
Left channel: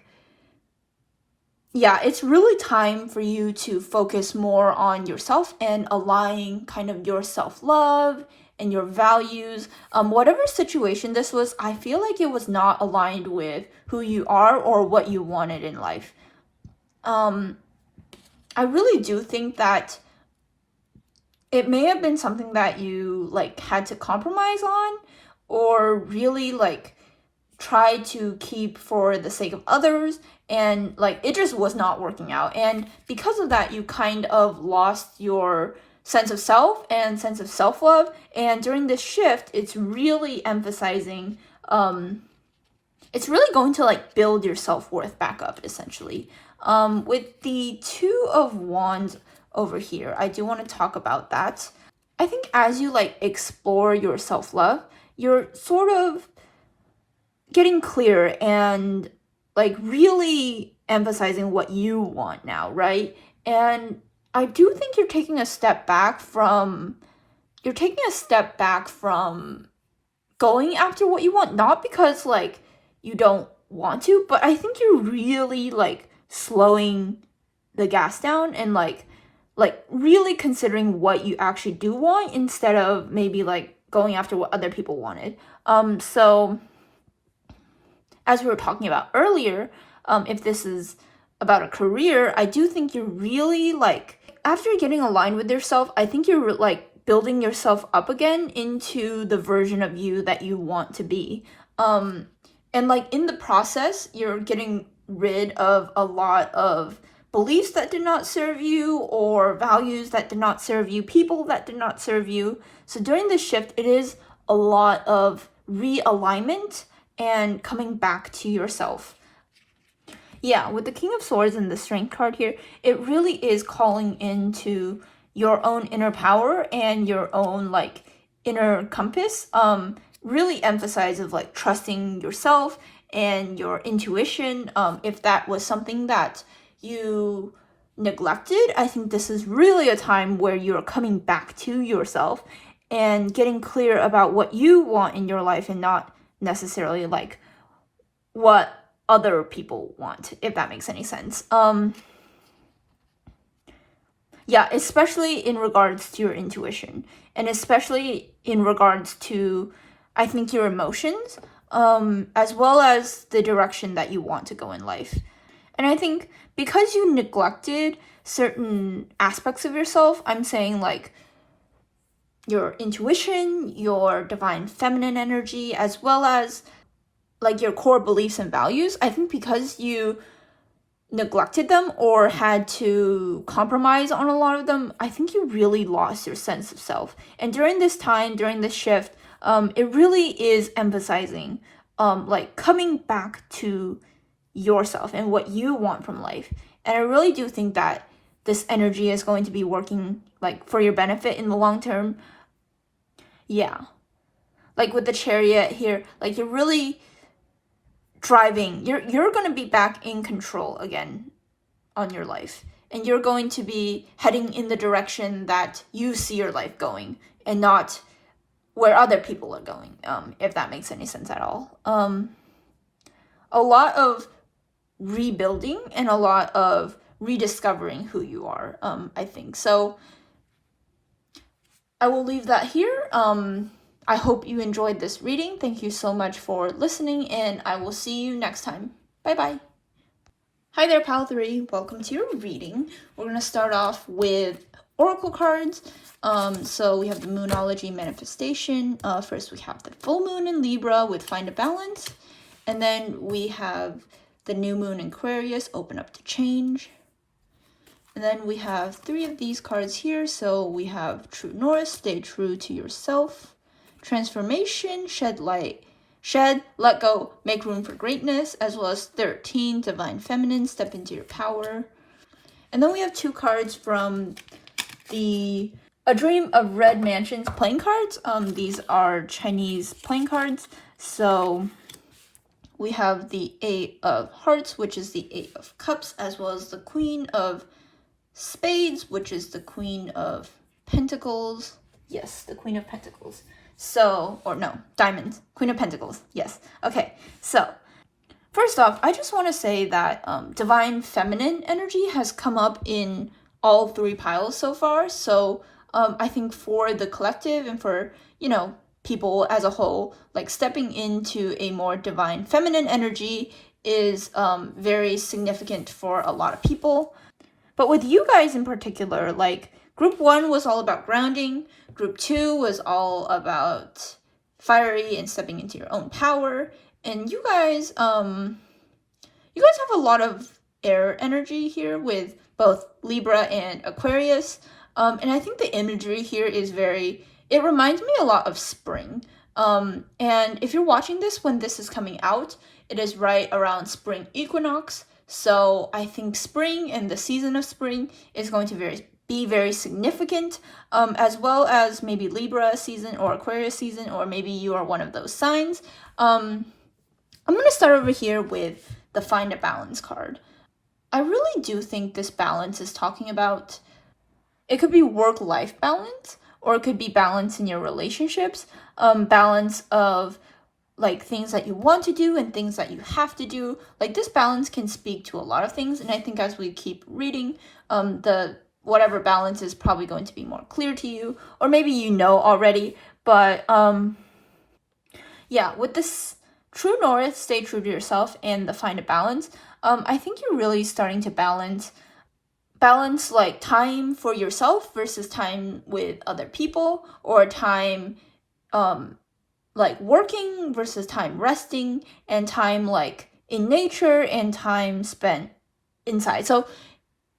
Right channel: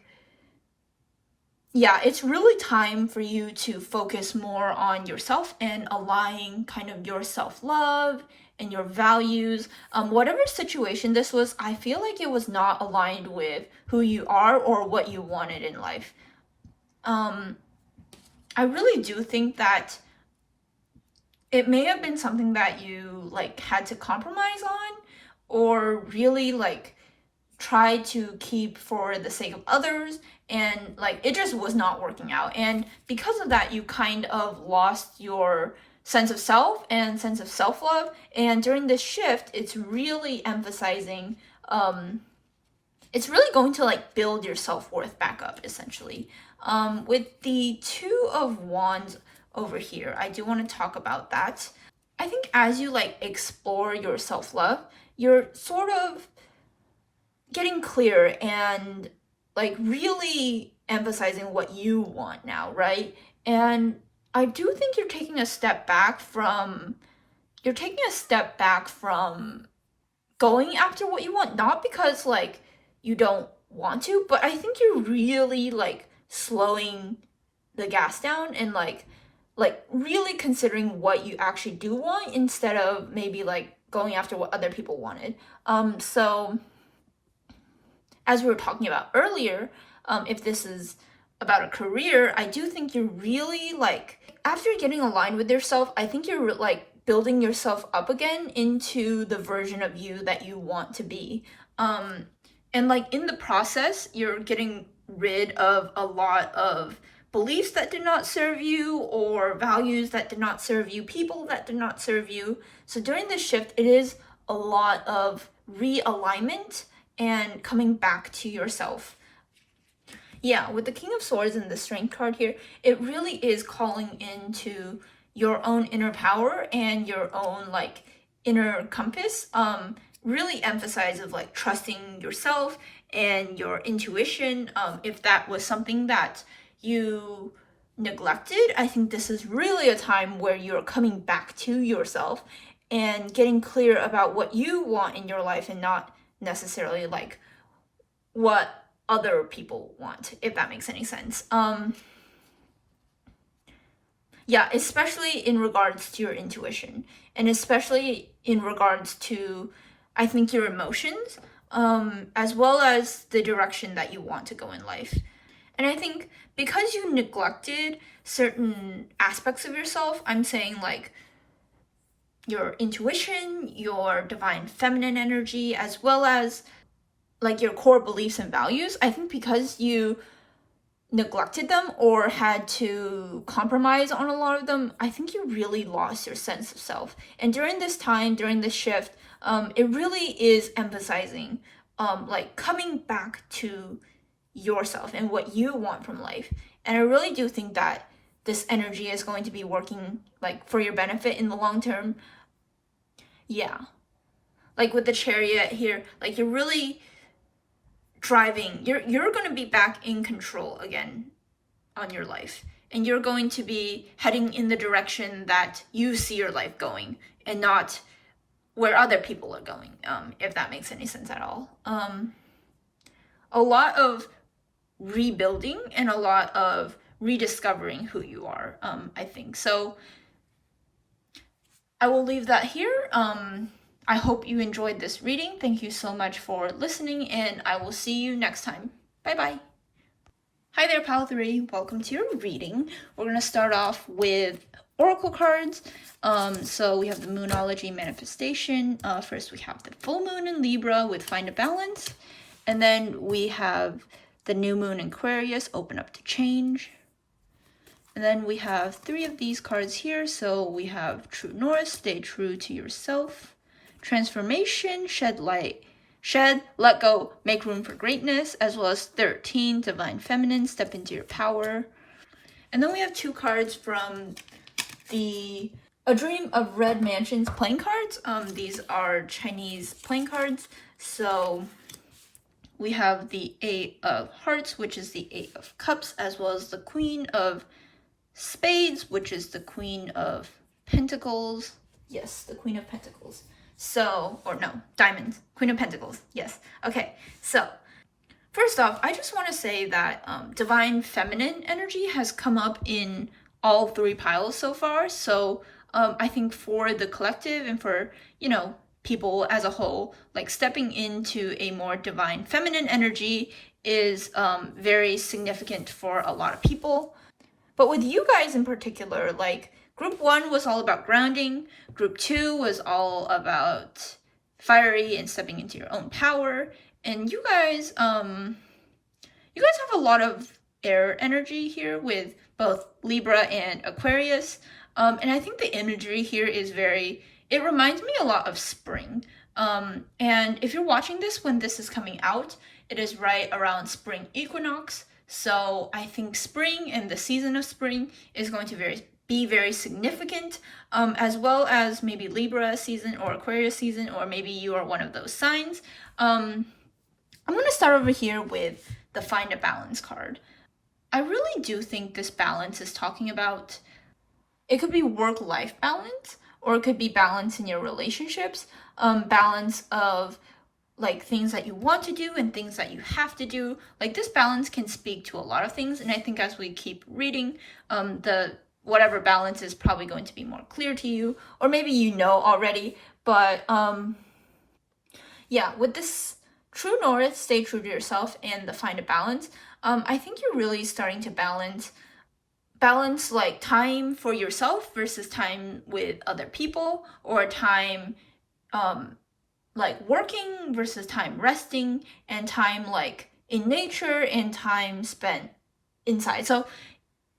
yeah, it's really time for you to focus more on yourself and aligning kind of your self-love and your values. Whatever situation this was, I feel like it was not aligned with who you are or what you wanted in life. I really do think that it may have been something that you like had to compromise on, or really like try to keep for the sake of others, and like it just was not working out. And because of that, you kind of lost your sense of self and sense of self-love. And during this shift, it's really emphasizing, it's really going to like build your self-worth back up, essentially. With the Two of Wands over here, I do want to talk about that. I think as you like explore your self-love, you're sort of getting clear and like really emphasizing what you want now, right? And I do think you're taking a step back from going after what you want, not because like you don't want to, but I think you're really like slowing the gas down and like really considering what you actually do want, instead of maybe like going after what other people wanted. So as we were talking about earlier, if this is about a career, I do think you're really like, after getting aligned with yourself, I think you're like building yourself up again into the version of you that you want to be. And like in the process, you're getting rid of a lot of beliefs that did not serve you, or values that did not serve you, people that did not serve you. So during this shift, it is a lot of realignment and coming back to yourself. Yeah, with the King of Swords and the Strength card here, it really is calling into your own inner power and your own like inner compass. Really emphasizes like trusting yourself and your intuition. If that was something that you neglected, I think this is really a time where you're coming back to yourself and getting clear about what you want in your life and not necessarily like what other people want, if that makes any sense. Yeah, especially in regards to your intuition, and especially in regards to, I think, your emotions, as well as the direction that you want to go in life. And I think because you neglected certain aspects of yourself, I'm saying like your intuition, your divine feminine energy, as well as like your core beliefs and values, I think because you neglected them or had to compromise on a lot of them, I think you really lost your sense of self. And during this time, during this shift, it really is emphasizing like coming back to yourself and what you want from life. And I really do think that this energy is going to be working like for your benefit in the long term. Yeah, like with the Chariot here, like you're really driving, you're going to be back in control again on your life, and you're going to be heading in the direction that you see your life going and not where other people are going, if that makes any sense at all. A lot of rebuilding and a lot of rediscovering who you are, I think. So I will leave that here. I hope you enjoyed this reading. Thank you so much for listening, and I will see you next time. Bye-bye. Hi there, Pal 3. Welcome to your reading. We're going to start off with Oracle cards. So we have the Moonology manifestation. First, we have the full moon in Libra with Find a Balance. And then we have the new moon in Aquarius, Open Up to Change. And then we have 3 of these cards here. So we have True North, Stay True to Yourself. Transformation, Shed Light, Shed, Let Go, Make Room for Greatness, as well as 13, Divine Feminine, Step into Your Power. And then we have 2 cards from the A Dream of Red Mansions playing cards. These are Chinese playing cards. So we have the 8 of Hearts, which is the 8 of Cups, as well as the Queen of Spades, which is the Queen of Pentacles. Yes, the Queen of Pentacles. So, or no, Diamonds, Queen of Pentacles. Yes. Okay. So, first off, I just want to say that Divine Feminine energy has come up in all 3 piles so far. So, I think for the collective and for, you know, people as a whole, like stepping into a more Divine Feminine energy is very significant for a lot of people. But with you guys in particular, like Group 1 was all about grounding. Group 2 was all about fiery and stepping into your own power. And you guys have a lot of air energy here with both Libra and Aquarius. And I think the imagery here is it reminds me a lot of spring. And if you're watching this when this is coming out, it is right around Spring Equinox. So I think spring and the season of spring is going to be very significant, as well as maybe Libra season or Aquarius season, or maybe you are one of those signs. I'm going to start over here with the Find a Balance card. I really do think this balance is talking about, it could be work-life balance, or it could be balance in your relationships, balance of like things that you want to do and things that you have to do. Like this balance can speak to a lot of things, and I think as we keep reading, whatever balance is probably going to be more clear to you, or maybe you know already. But yeah, with this True North, Stay True to Yourself, and the Find a Balance, I think you're really starting to balance like time for yourself versus time with other people, or time like working versus time resting, and time like in nature and time spent inside. So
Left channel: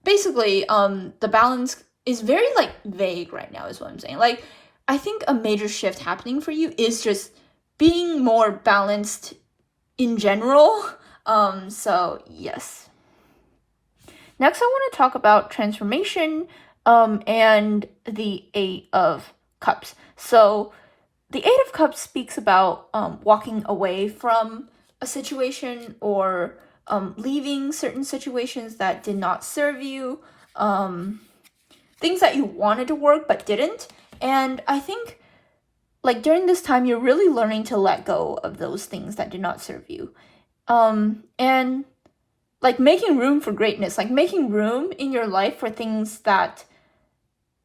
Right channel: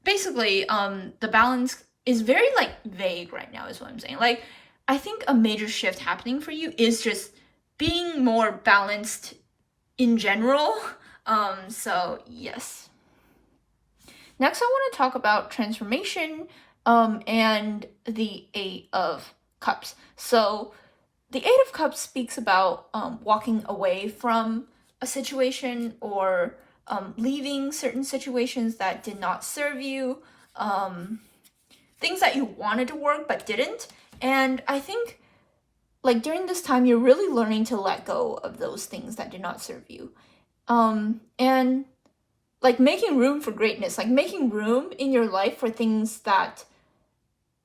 basically, the balance is very like vague right now is what I'm saying. Like, I think a major shift happening for you is just being more balanced in general. So yes. Next, I want to talk about transformation, and the 8 of Cups. So the 8 of Cups speaks about walking away from a situation, or leaving certain situations that did not serve you, things that you wanted to work but didn't. And I think like during this time, you're really learning to let go of those things that do not serve you. And like making room for greatness, like making room in your life for things that,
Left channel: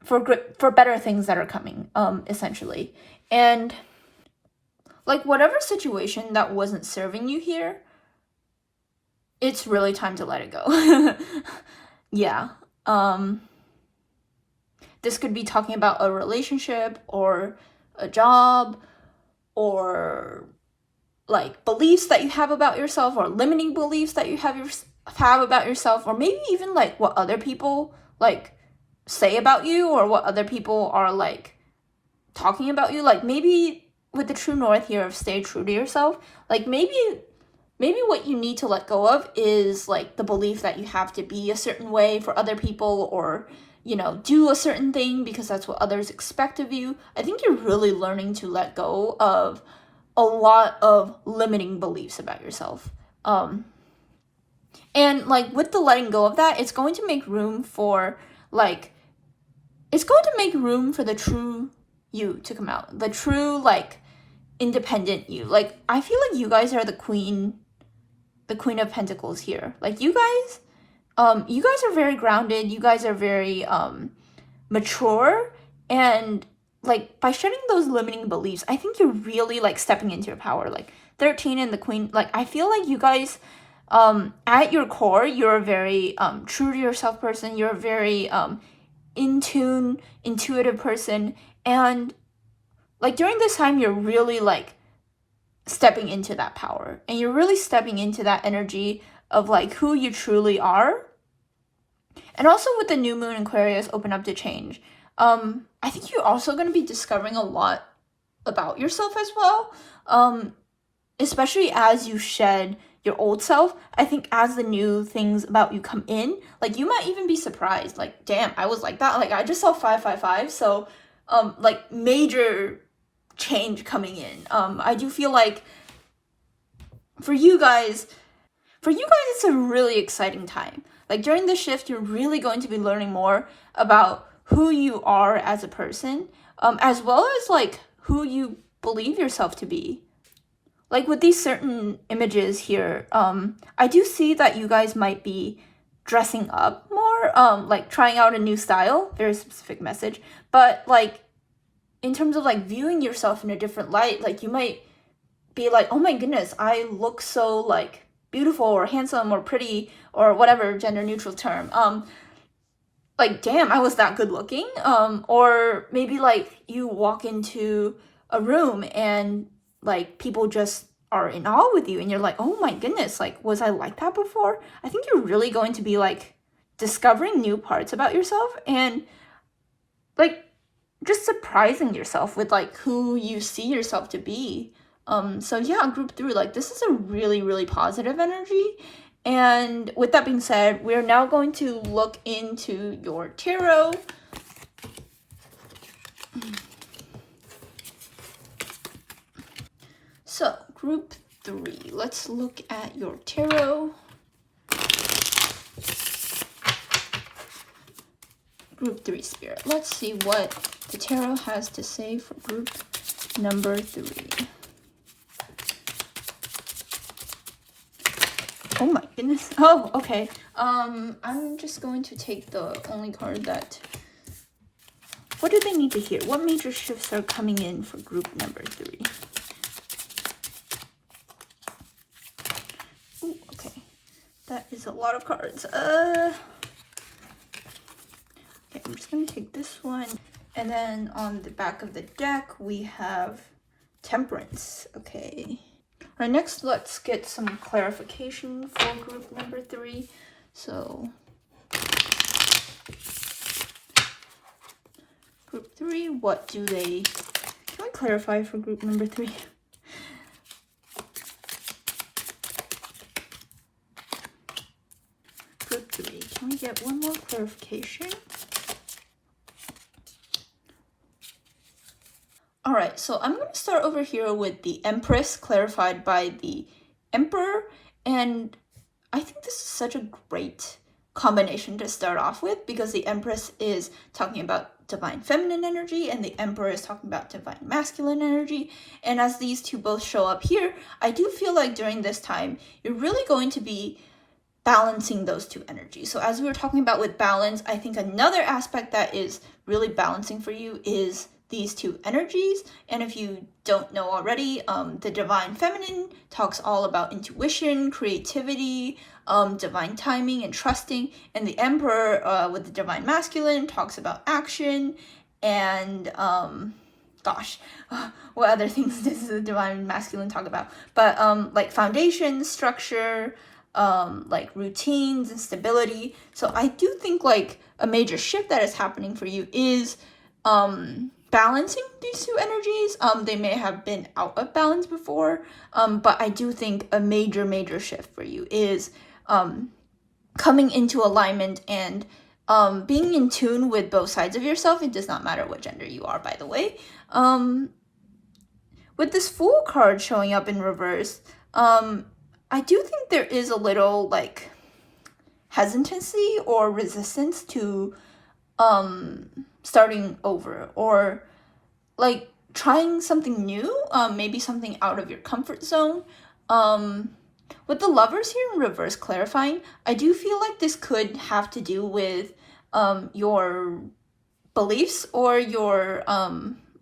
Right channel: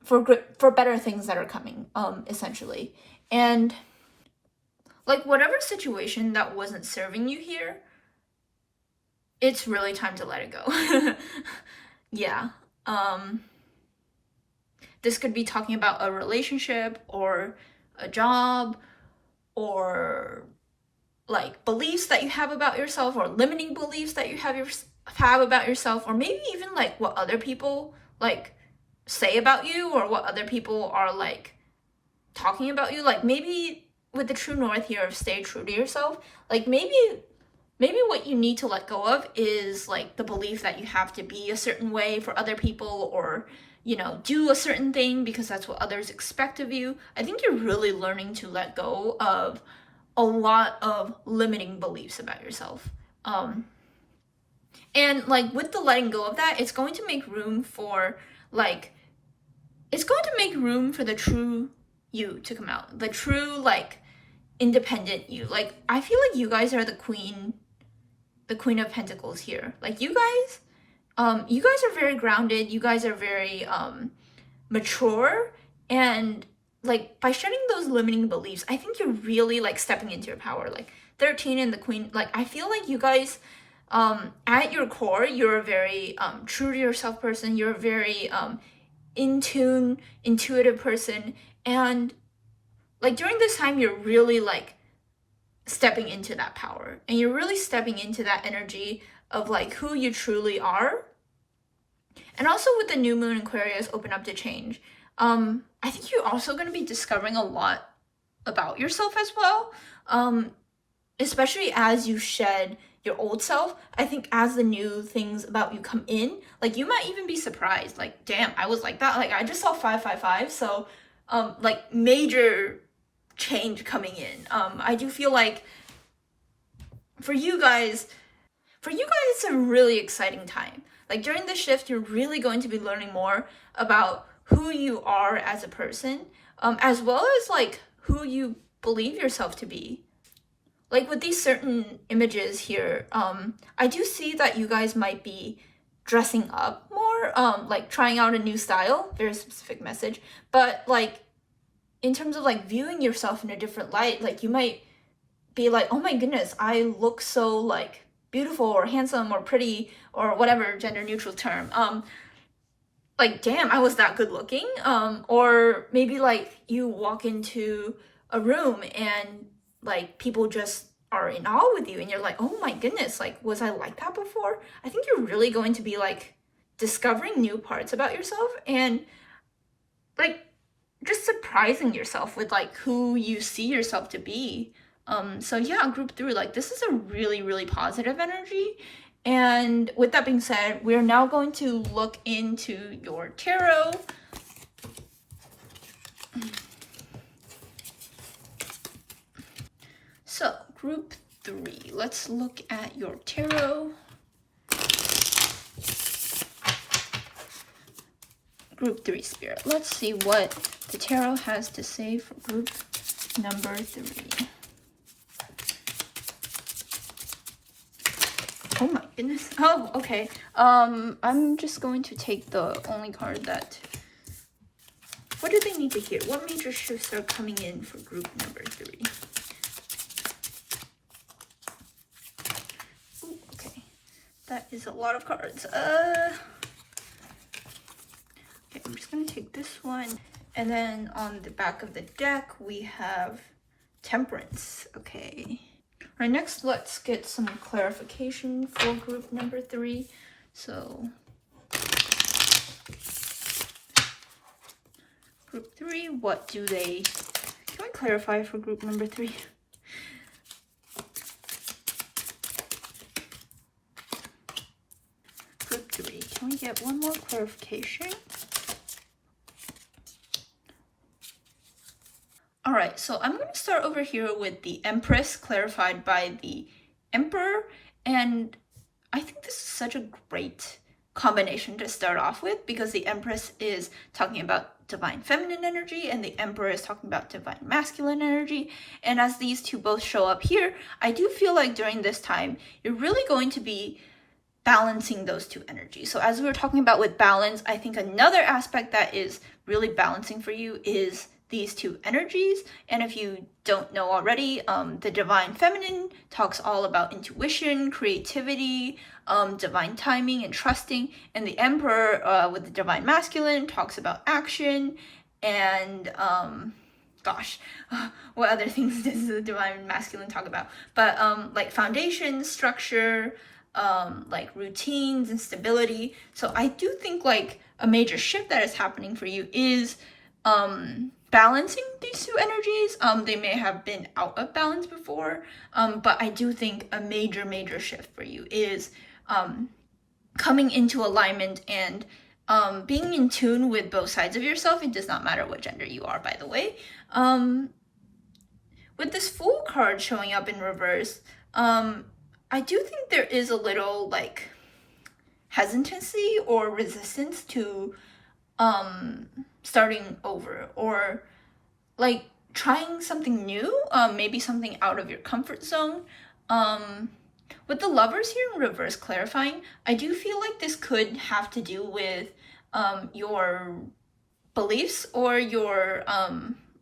for better things that are coming, essentially. And like whatever situation that wasn't serving you here, it's really time to let it go. Yeah. This could be talking about a relationship or a job, or like beliefs that you have about yourself, or limiting beliefs that you have about yourself, or maybe even like what other people like say about you, or what other people are like talking about you. Like maybe with the true north here of stay true to yourself, like maybe what you need to let go of is like the belief that you have to be a certain way for other people, or you know, do a certain thing because that's what others expect of you. I think you're really learning to let go of a lot of limiting beliefs about yourself. And like with the letting go of that, it's going to make room for like, it's going to make room for the true you to come out, the true like independent you. Like I feel like you guys are the queen of pentacles here. Like you guys are very grounded, you guys are very mature, and like by shedding those limiting beliefs, I think you're really like stepping into your power. Like 13 and the queen, like I feel like you guys at your core, you're a very true to yourself person, you're a very in tune, intuitive person, and like during this time you're really like stepping into that power, and you're really stepping into that energy of like who you truly are. And also with the new moon in Aquarius, open up to change. I think you're also going to be discovering a lot about yourself as well, especially as you shed your old self. I think as the new things about you come in, like you might even be surprised, like damn, I was like that. Like I just saw 555, so like major change coming in. I do feel like for you guys it's a really exciting time. Like during this shift, you're really going to be learning more about who you are as a person, as well as like who you believe yourself to be. Like with these certain images here, I do see that you guys might be dressing up more, like trying out a new style, very specific message. But like in terms of like viewing yourself in a different light, like you might be like, oh my goodness, I look so like beautiful or handsome or pretty or whatever gender neutral term. Like damn, I was that good looking. Or maybe like you walk into a room and like people just are in awe with you and you're like, oh my goodness, like was I like that before? I think you're really going to be like discovering new parts about yourself and like just surprising yourself with like who you see yourself to be. So yeah, group 3, like this is a really, really positive energy. And with that being said, we're now going to look into your tarot. So group 3, let's look at your tarot. Group 3 spirit. Let's see what the tarot has to say for group number 3. Oh my goodness. Oh, okay. I'm just going to take the only card that... What do they need to hear? What major shifts are coming in for group number 3? Ooh, okay. That is a lot of cards. Okay, I'm just going to take this one. And then on the back of the deck, we have Temperance. Okay. All right, next let's get some clarification for group number 3. So, group 3, what do they... Can I clarify for group number 3? Group 3, can we get one more clarification? All right, so I'm going to start over here with the Empress, clarified by the Emperor, and I think this is such a great combination to start off with, because the Empress is talking about divine feminine energy and the Emperor is talking about divine masculine energy. And as these two both show up here, I do feel like during this time you're really going to be balancing those two energies. So as we were talking about with balance, I think another aspect that is really balancing for you is these two energies. And if you don't know already, the divine feminine talks all about intuition, creativity, divine timing and trusting, and the Emperor with the divine masculine talks about action and what other things does the divine masculine talk about? But like foundation, structure, like routines and stability. So I do think like a major shift that is happening for you is balancing these two energies. They may have been out of balance before, but I do think a major shift for you is coming into alignment and being in tune with both sides of yourself. It does not matter what gender you are, by the way. With this Fool card showing up in reverse, I do think there is a little like hesitancy or resistance to starting over, or like trying something new, maybe something out of your comfort zone. With the Lovers here in reverse clarifying, I do feel like this could have to do with your beliefs or your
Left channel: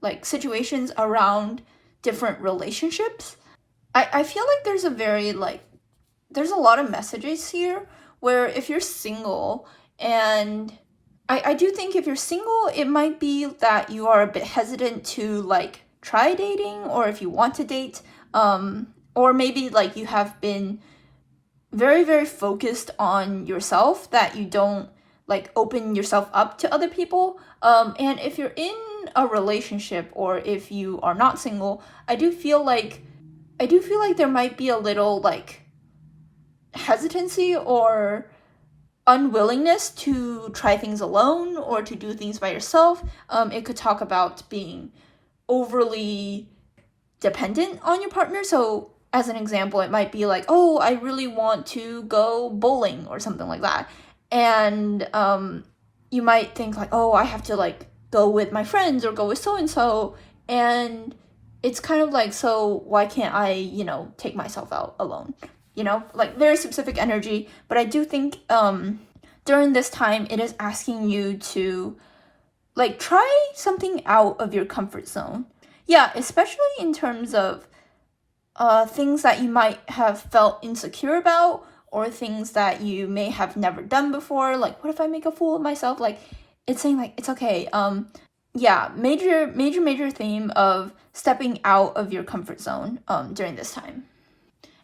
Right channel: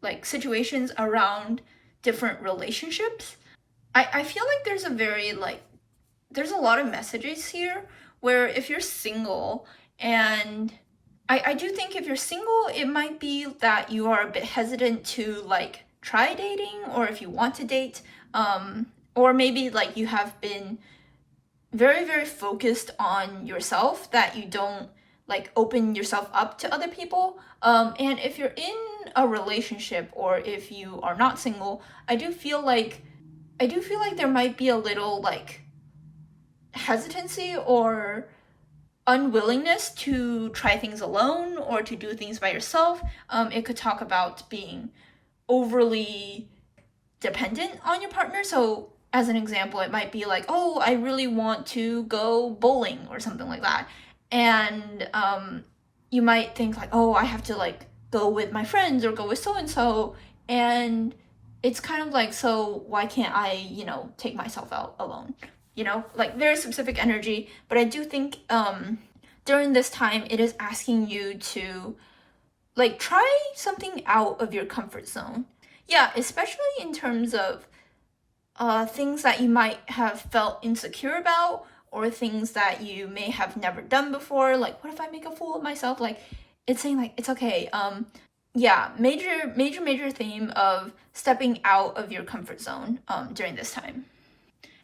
like situations around different relationships. I feel like there's a lot of messages here where if you're single, and I do think if you're single, it might be that you are a bit hesitant to like try dating, or if you want to date, or maybe like you have been very focused on yourself, that you don't like open yourself up to other people. And if you're in a relationship, or if you are not single, I do feel like there might be a little like hesitancy or unwillingness to try things alone or to do things by yourself. It could talk about being overly dependent on your partner. So as an example, it might be like, oh, I really want to go bowling or something like that. And you might think like, oh, I have to like go with my friends or go with so-and-so. And it's kind of like, so why can't I, take myself out alone? Like very specific energy. But I do think during this time, it is asking you to like try something out of your comfort zone. Yeah, especially in terms of things that you might have felt insecure about, or things that you may have never done before. Like, what if I make a fool of myself? Like, it's saying like, it's okay. Yeah, major theme of stepping out of your comfort zone during this time.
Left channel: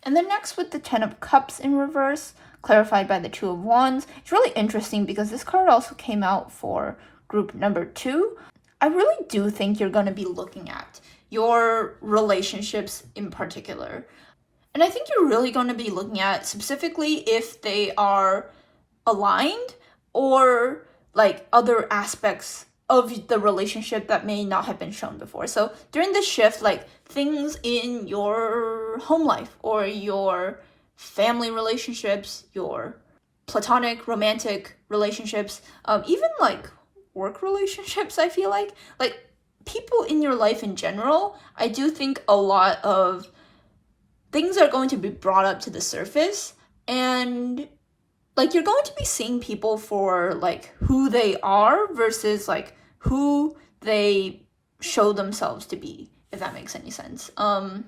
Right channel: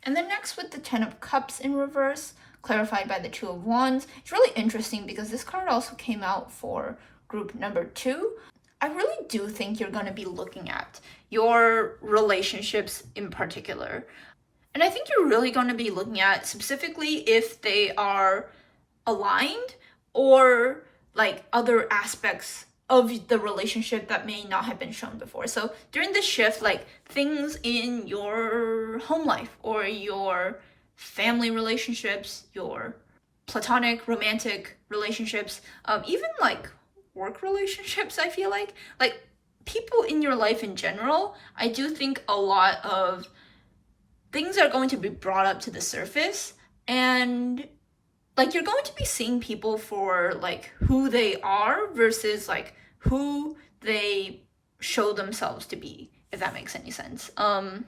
And then next with the 10 of Cups in reverse, clarified by the 2 of Wands. It's really interesting because this card also came out for group number 2. I really do think you're going to be looking at your relationships in particular. And I think you're really going to be looking at specifically if they are aligned, or like other aspects of the relationship that may not have been shown before. So during this shift, like things in your home life or your family relationships, your platonic romantic relationships, even like work relationships, I feel like people in your life in general, I do think a lot of things are going to be brought up to the surface, and like you're going to be seeing people for like who they are versus like who they show themselves to be, if that makes any sense. And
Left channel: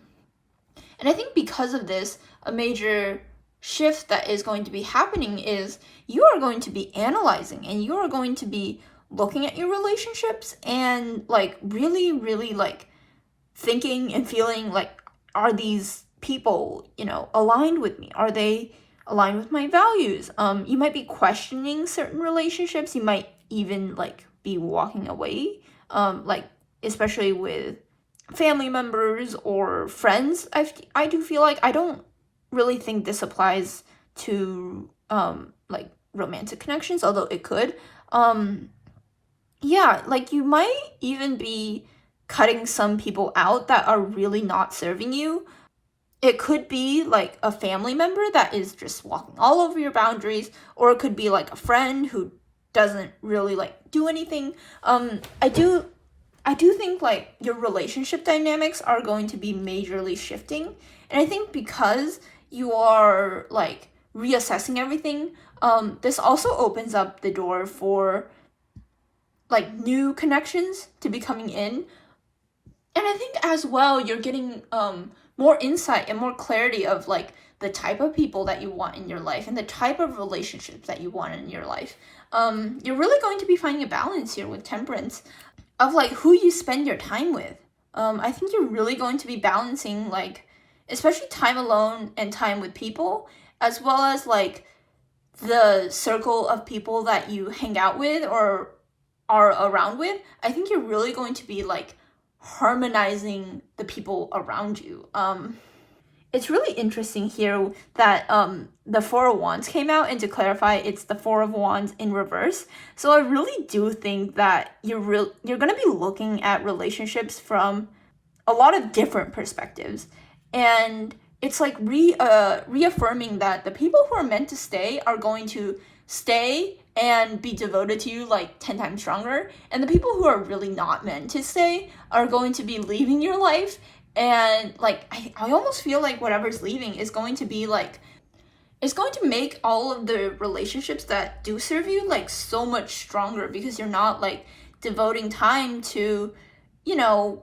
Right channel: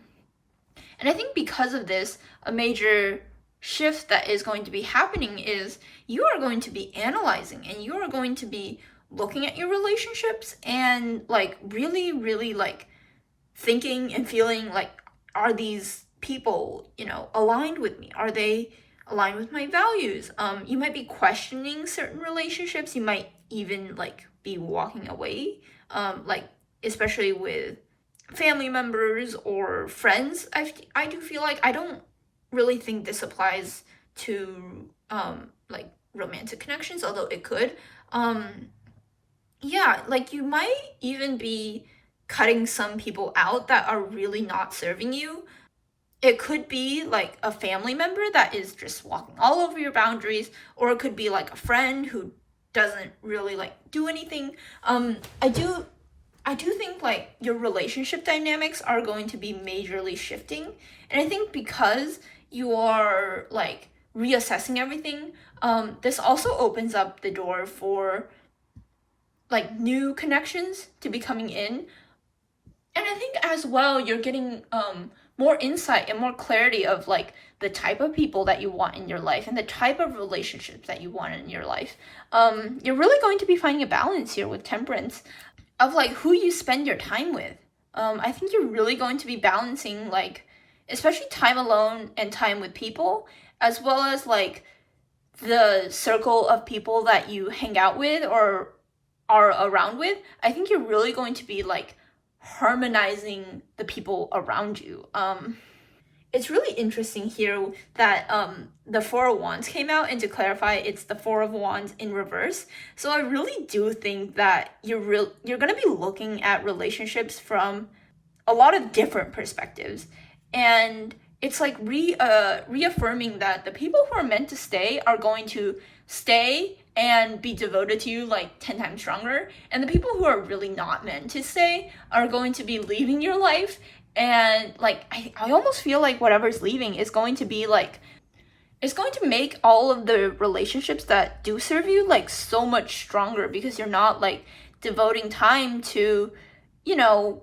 I think because of this, a major shift that is going to be happening is you are going to be analyzing, and you are going to be looking at your relationships and like really like thinking and feeling like, are these people, aligned with me? Are they aligned with my values? You might be questioning certain relationships. You might even like be walking away, like especially with family members or friends. I do feel like, I don't really think this applies to like romantic connections, although it could. Yeah, like you might even be cutting some people out that are really not serving you. it could be like a family member that is just walking all over your boundaries, or it could be like a friend who doesn't really like do anything. I do think like your relationship dynamics are going to be majorly shifting. And I think because you are like reassessing everything, this also opens up the door for like new connections to be coming in. And I think as well, you're getting more insight and more clarity of like the type of people that you want in your life and the type of relationships that you want in your life. You're really going to be finding a balance here with Temperance of like who you spend your time with. I think you're really going to be balancing like, especially time alone and time with people, as well as like the circle of people that you hang out with or are around with. I think you're really going to be like harmonizing the people around you. It's really interesting here that the Four of Wands came out, and to clarify, it's the Four of Wands in reverse. So I really do think that you're going to be looking at relationships from a lot of different perspectives, and it's like reaffirming that the people who are meant to stay are going to stay and be devoted to you like 10 times stronger, and the people who are really not meant to stay are going to be leaving your life. And like I almost feel like whatever's leaving is going to be like, it's going to make all of the relationships that do serve you like so much stronger, because you're not like devoting time to, you know,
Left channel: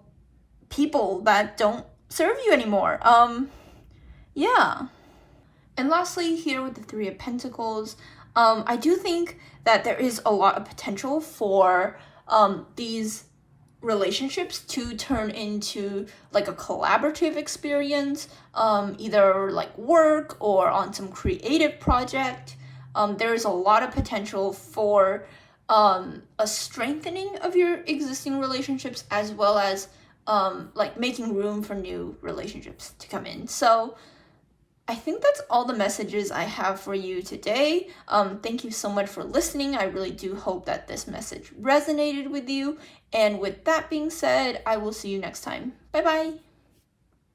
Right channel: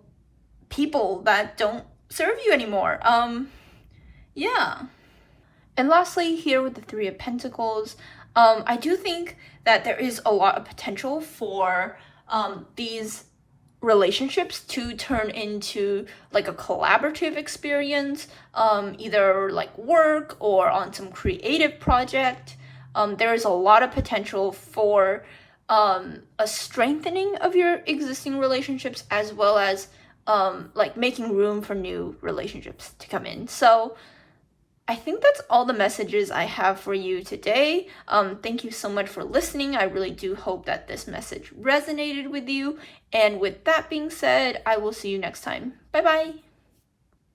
people that don't serve you anymore. Yeah. And lastly, here with the Three of Pentacles, I do think that there is a lot of potential for these relationships to turn into like a collaborative experience, either like work or on some creative project. There is a lot of potential for a strengthening of your existing relationships, as well as like making room for new relationships to come in. So I think that's all the messages I have for you today. Thank you so much for listening. I really do hope that this message resonated with you. And with that being said, I will see you next time. Bye bye.